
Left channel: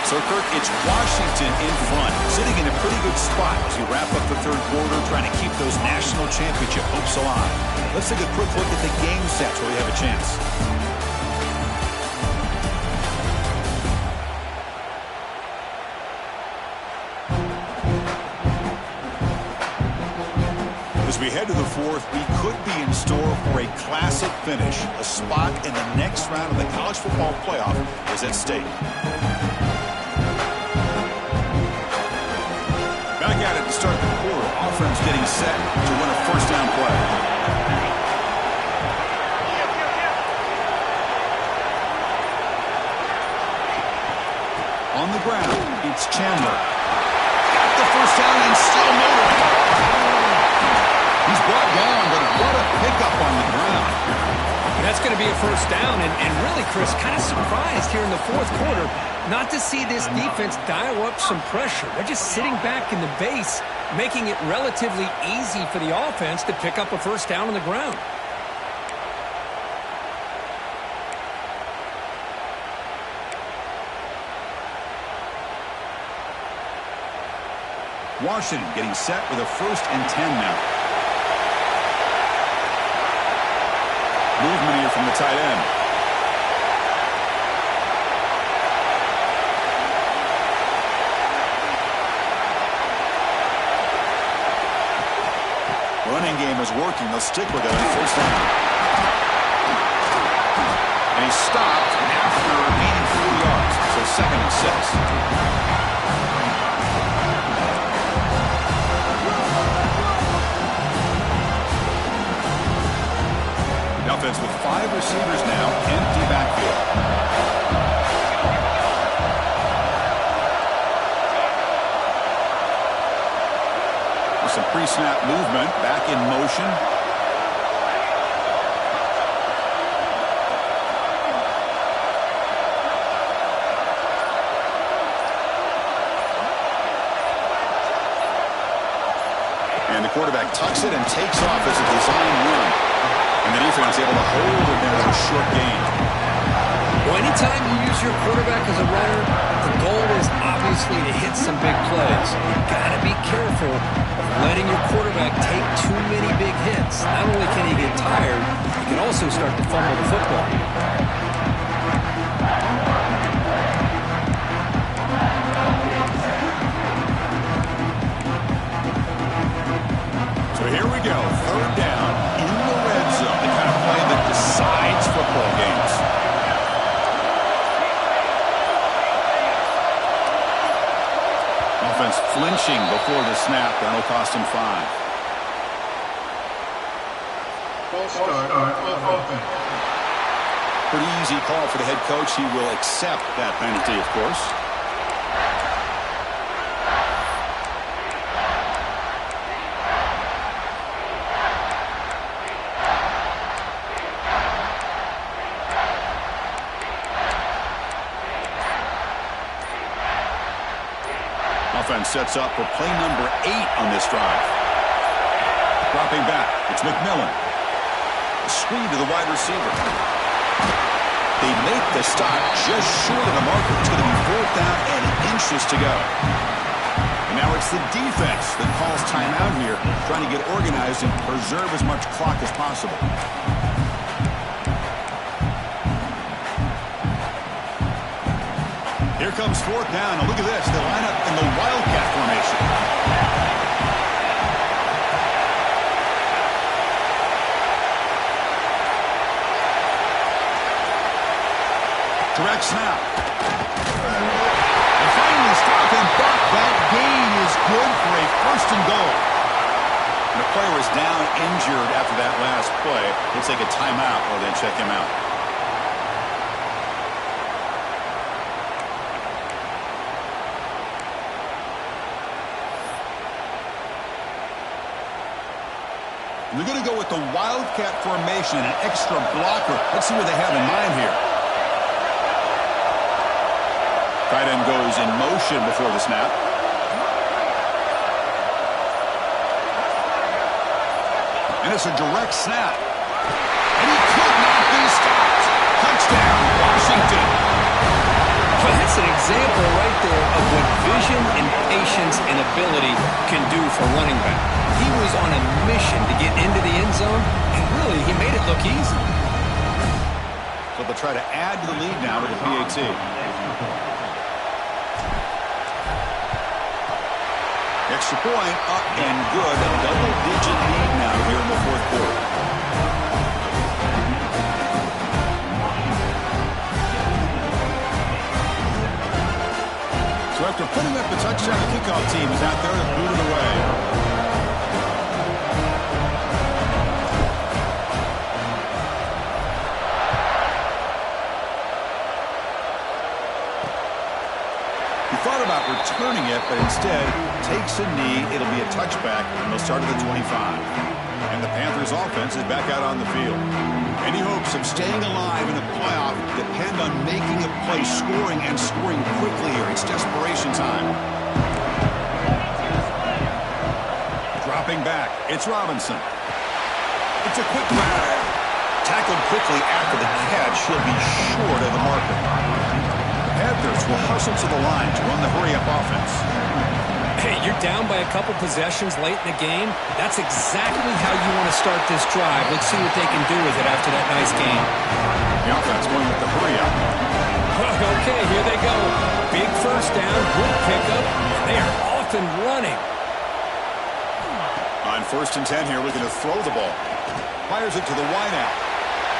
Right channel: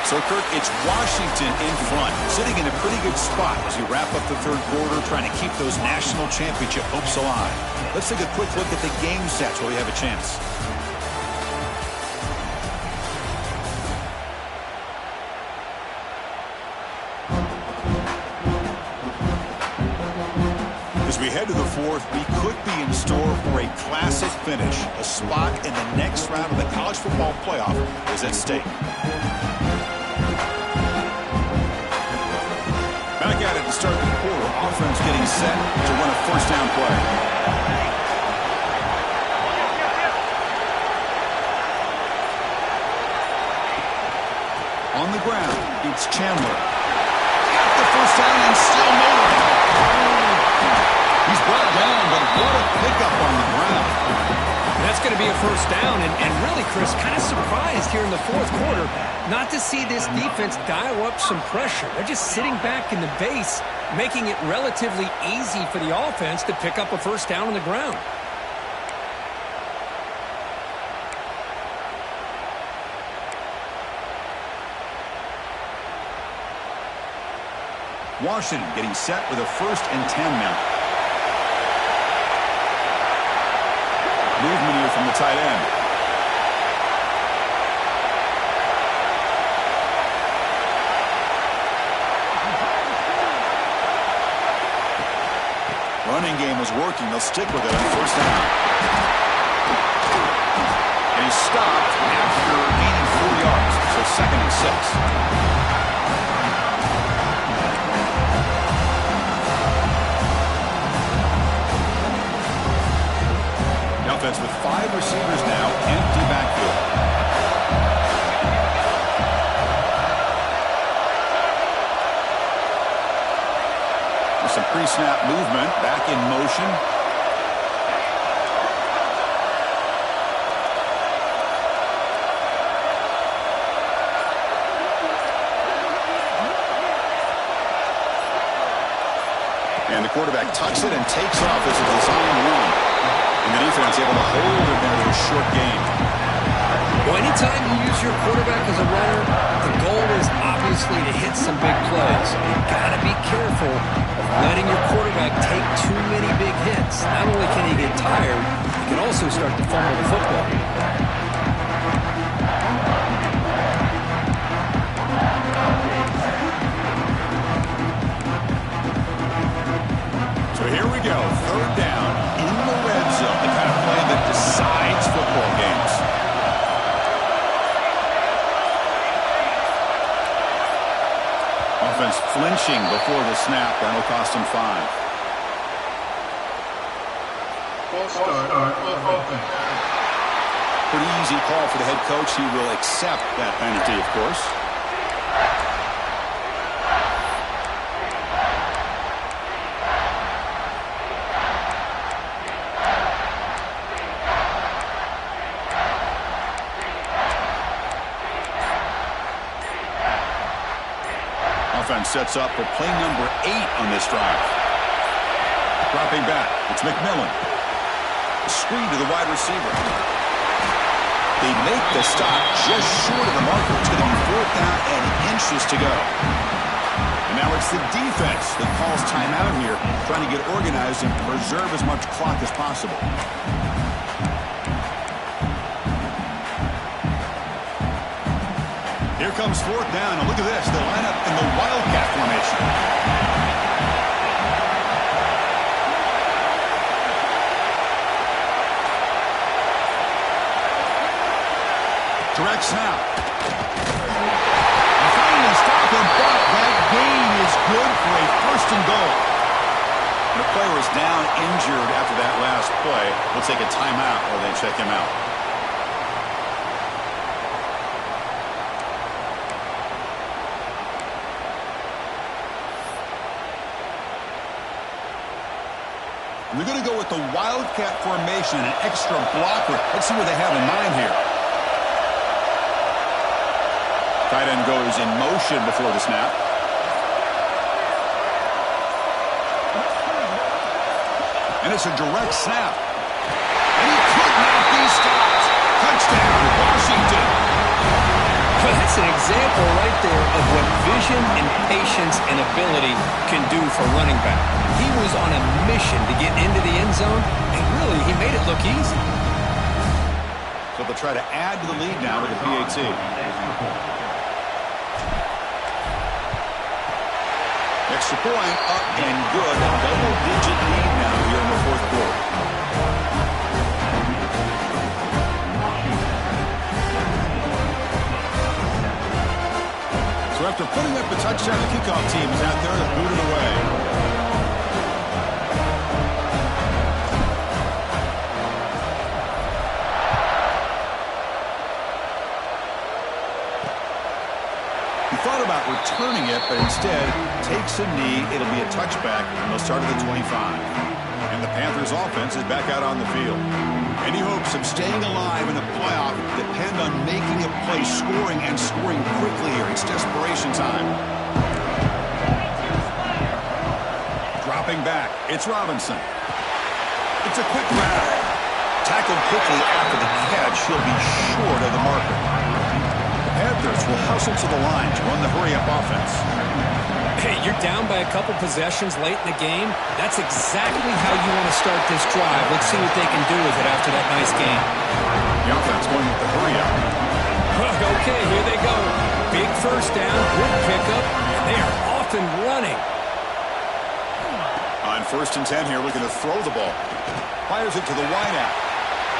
So, Kirk, it's Washington in front, sitting in a pretty good spot as you wrap up the third quarter, trying to keep those national championship hopes alive. Let's take a quick look at the game stats where we have a chance. As we head to the fourth, we could be in store for a classic finish. A spot in the next round of the college football playoff is at stake. Back at it to start the quarter. Offense getting set to run a first down play. On the ground, it's Chandler. Got the first down and still motoring. He's brought down, but what a pickup on the ground. That's going to be a first down, and really, Chris, kind of surprised here in the fourth quarter not to see this defense dial up some pressure. They're just sitting back in the base, making it relatively easy for the offense to pick up a first down on the ground. Washington getting set with a 1st and 10 now. Movement here from the tight end. Running game is working. They'll stick with it on first down. And he's stopped after gaining 4 yards. So 2nd and 6. The offense with 5 receivers now, empty backfield. With some pre-snap movement, back in motion. And the quarterback tucks it and takes off as a design run. And the defense able to hold it there for a short gain. Well, anytime you use your quarterback as a runner, the goal is obviously to hit some big plays. You've got to be careful of letting your quarterback take too many big hits. Not only can he get tired, he can also start to fumble the football. Offense flinching before the snap. That'll cost him 5. False start on offense. Pretty easy call for the head coach. He will accept that penalty, of course. Offense sets up for play number 8 on this drive. Dropping back, it's McMillan. A screen to the wide receiver. They make the stop just short of the marker. It's going to be 4th down and inches to go. And now it's the defense that calls timeout here, trying to get organized and preserve as much clock as possible. Here comes 4th down. Now look at this. They line up in the Wildcat formation. Direct snap. And finally stop him, but that gain is good for a 1st and goal. And the player is down injured after that last play. We'll take a timeout while they check him out. They're going to go with the Wildcat formation and an extra blocker. Let's see what they have in mind here. Tight end goes in motion before the snap. And it's a direct snap. And he could not be stopped. Touchdown, Washington. Well, that's an example right there of what vision and patience and ability can do for running back. He was on a mission to get into the end zone, and really, he made it look easy. So they'll try to add to the lead now with the PAT. Extra point up and good. A double-digit lead now here in the 4th quarter. So after putting up a touchdown, the kickoff team is out there to boot it away. He thought about returning it, but instead takes a knee. It'll be a touchback, and they'll start at the 25. And the Panthers offense is back out on the field. Any hopes of staying alive in the playoff depend on making a play, scoring, and scoring quickly here. It's desperation time. Dropping back, it's Robinson. It's a quick grab. Tackled quickly after the catch. He'll be short of the marker. Panthers will hustle to the line to run the hurry-up offense. Hey, you're down by a couple possessions late in the game. That's exactly how you want to start this drive. Let's see what they can do with it after that nice game. The offense going with the hurry-up. Okay, here they go. Big 1st down, good pickup, and they are off and running. On 1st and 10 here, looking to throw the ball. Fires it to the wideout.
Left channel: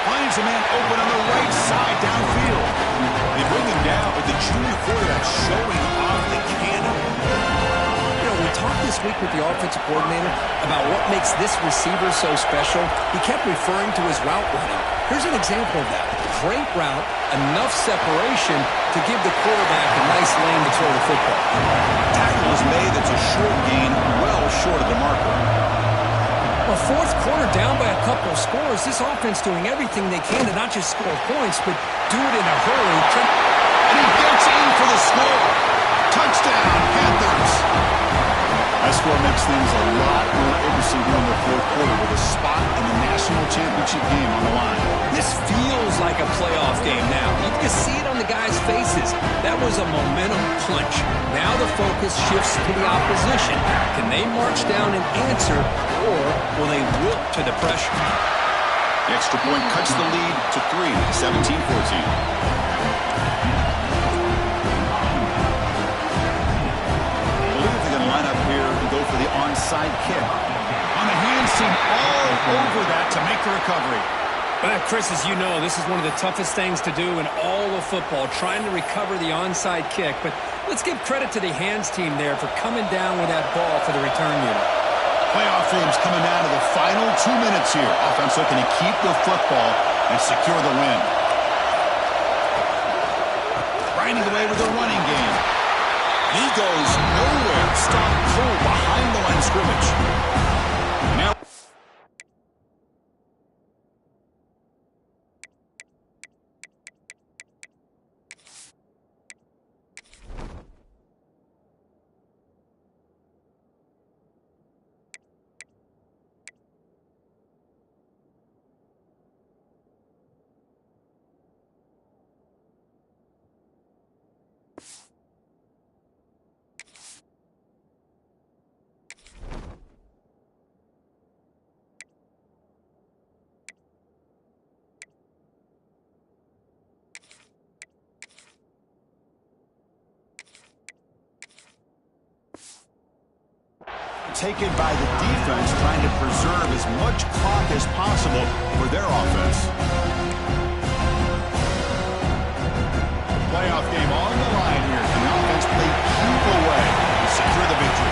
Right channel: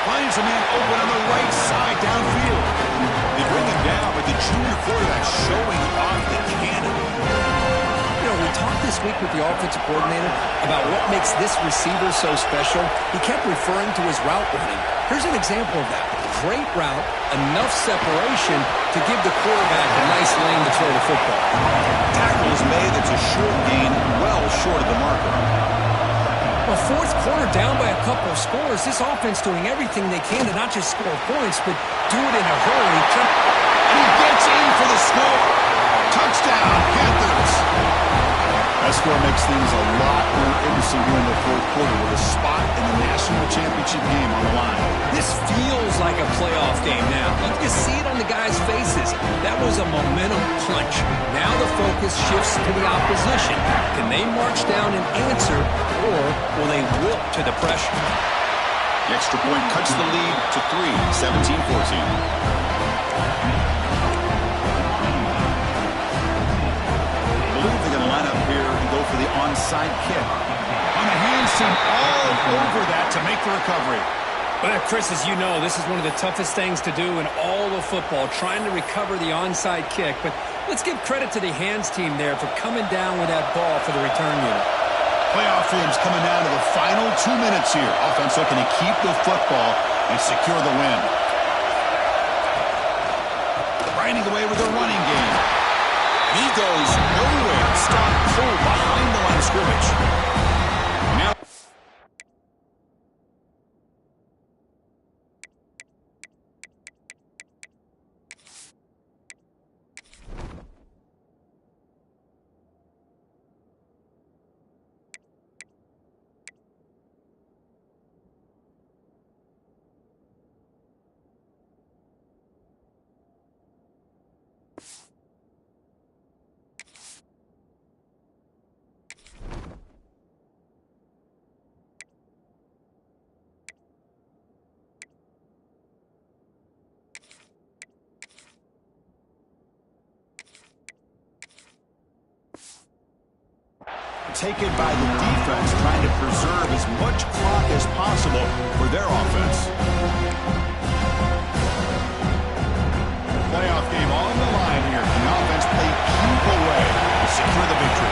Finds a man open on the right side downfield. They bring him down, but the junior quarterback showing off the cannon. You know, we talked this week with the offensive coordinator about what makes this receiver so special. He kept referring to his route running. Here's an example of that. Great route, enough separation to give the quarterback a nice lane to throw the football. Tackle is made. That's a short gain, well short of the marker. Well, 4th quarter down by a couple of scores. This offense doing everything they can to not just score points, but do it in a hurry. And he gets in for the score. Touchdown, Panthers. That score makes things a lot more interesting here in the 4th quarter with a spot in the national championship game on the line. This feels like a playoff game now. You can see it on the guys' faces. That was a momentum punch. Now the focus shifts to the opposition. Can they march down and answer, or will they wilt to the pressure? The extra point cuts the lead to 3, 17-14. Line up here and go for the onside kick. On the hands team all over that to make the recovery. Well, Chris, as you know, this is one of the toughest things to do in all of football, trying to recover the onside kick. But Let's give credit to the hands team there for coming down with that ball for the return unit. Playoff games coming down to the final 2 minutes here. Offense looking to keep the football and secure the win. Grinding away with a running game. And he goes nowhere. Stop cold behind the line of scrimmage. And now taken by the defense, trying to preserve as much clock as possible for their offense. The playoff game on the line here. Can the offense play keep away to secure the victory?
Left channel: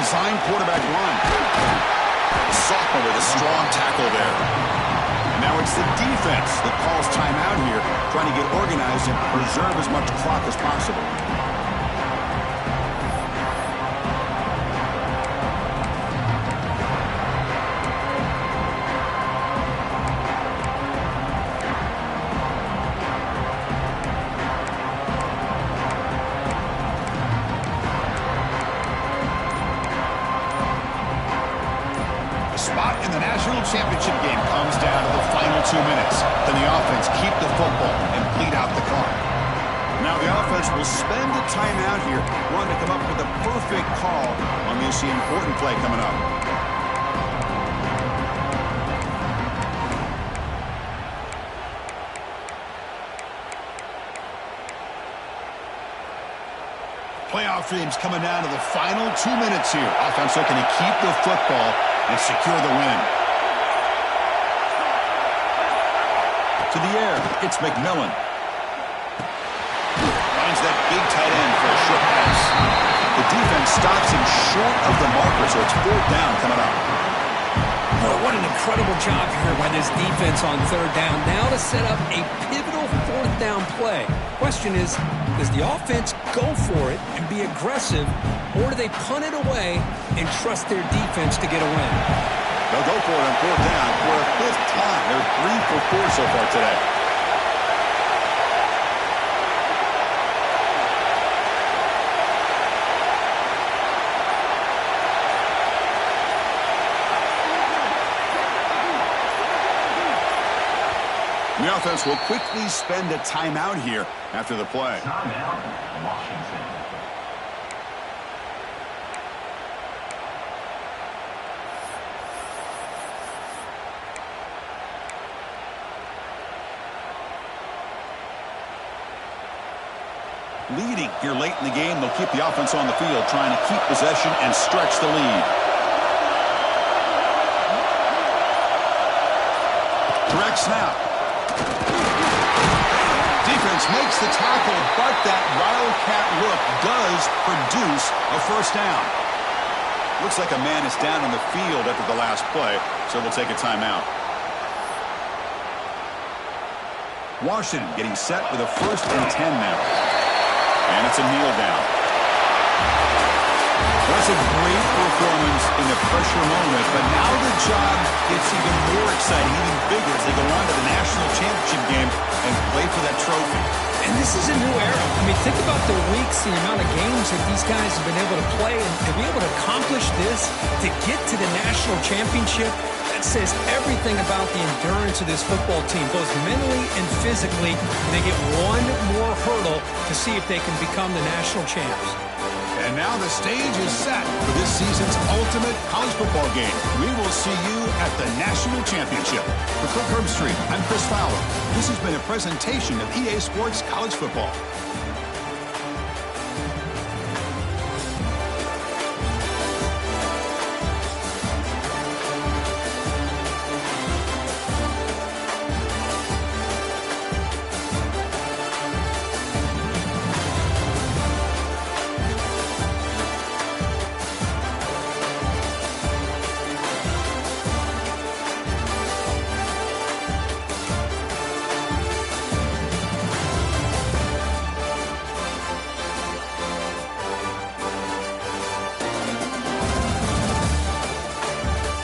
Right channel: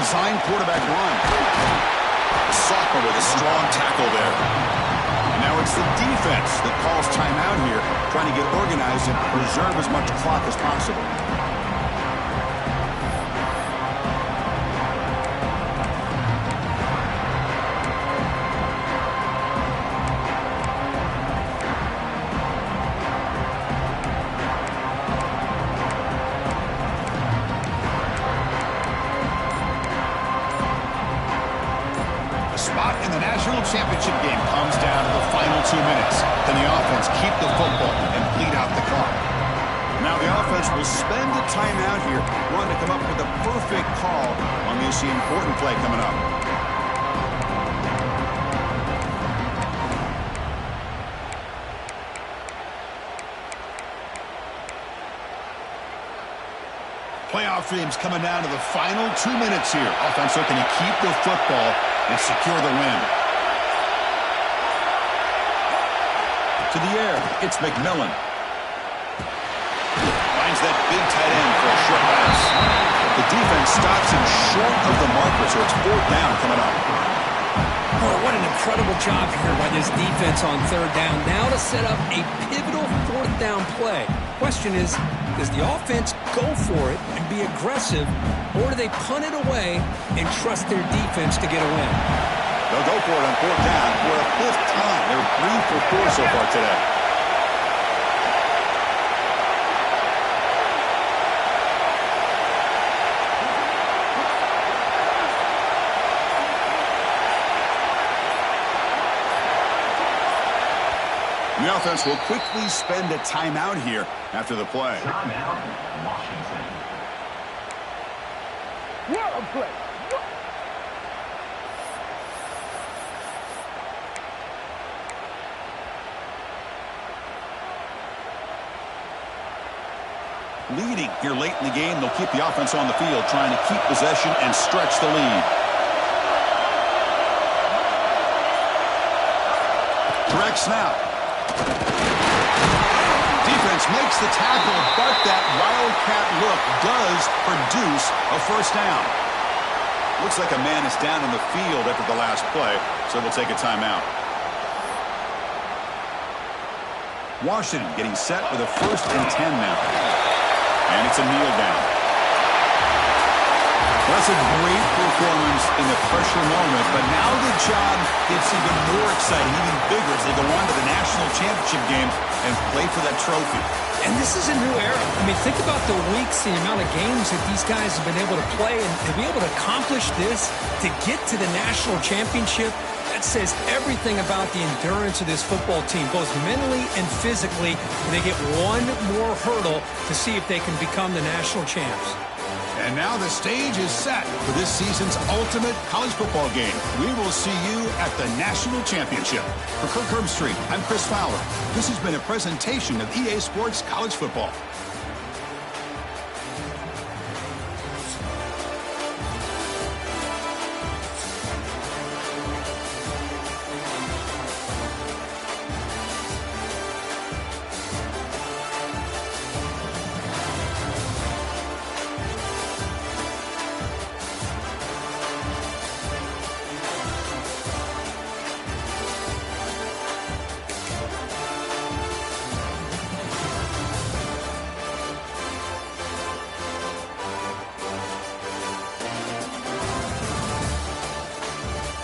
Design quarterback run. The sophomore with a strong tackle there. Now it's the defense that calls timeout here, trying to get organized and preserve as much clock as possible. In the national championship game comes down to the final 2 minutes. Can the offense keep the football and bleed out the clock? Now the offense will spend a timeout here, wanting to come up with a perfect call on this important play coming up. Playoff games coming down to the final 2 minutes here. Offense looking to keep the football and secure the win. To the air, it's McMillan. Finds that big tight end for a short pass. The defense stops him short of the marker, so it's 4th down coming up. Boy, what an incredible job here by this defense on 3rd down. Now to set up a pivotal 4th down play. Question is, does the offense go for it and be aggressive, or do they punt it away and trust their defense to get a win? They'll go for it on 4th down for a 5th time. They're 3 for 4 so far today. The offense will quickly spend a timeout here after the play. Timeout, Washington. Leading here late in the game, they'll keep the offense on the field, trying to keep possession and stretch the lead. Direct snap. Defense makes the tackle, but that Wildcat look does produce a 1st down. Looks like a man is down on the field after the last play, so they'll take a timeout. Washington getting set with a 1st and 10 now. And it's a kneel down. That's a great performance in the pressure moment, but now the job gets even more exciting, even bigger as they go on to the national championship game and play for that trophy. And this is a new era. I mean, think about the weeks, the amount of games that these guys have been able to play, and to be able to accomplish this, to get to the national championship, that says everything about the endurance of this football team, both mentally and physically. And they get one more hurdle to see if they can become the national champs. And now the stage is set for this season's ultimate college football game. We will see you at the national championship. For Kirk Herbstreit, I'm Chris Fowler. This has been a presentation of EA Sports College Football.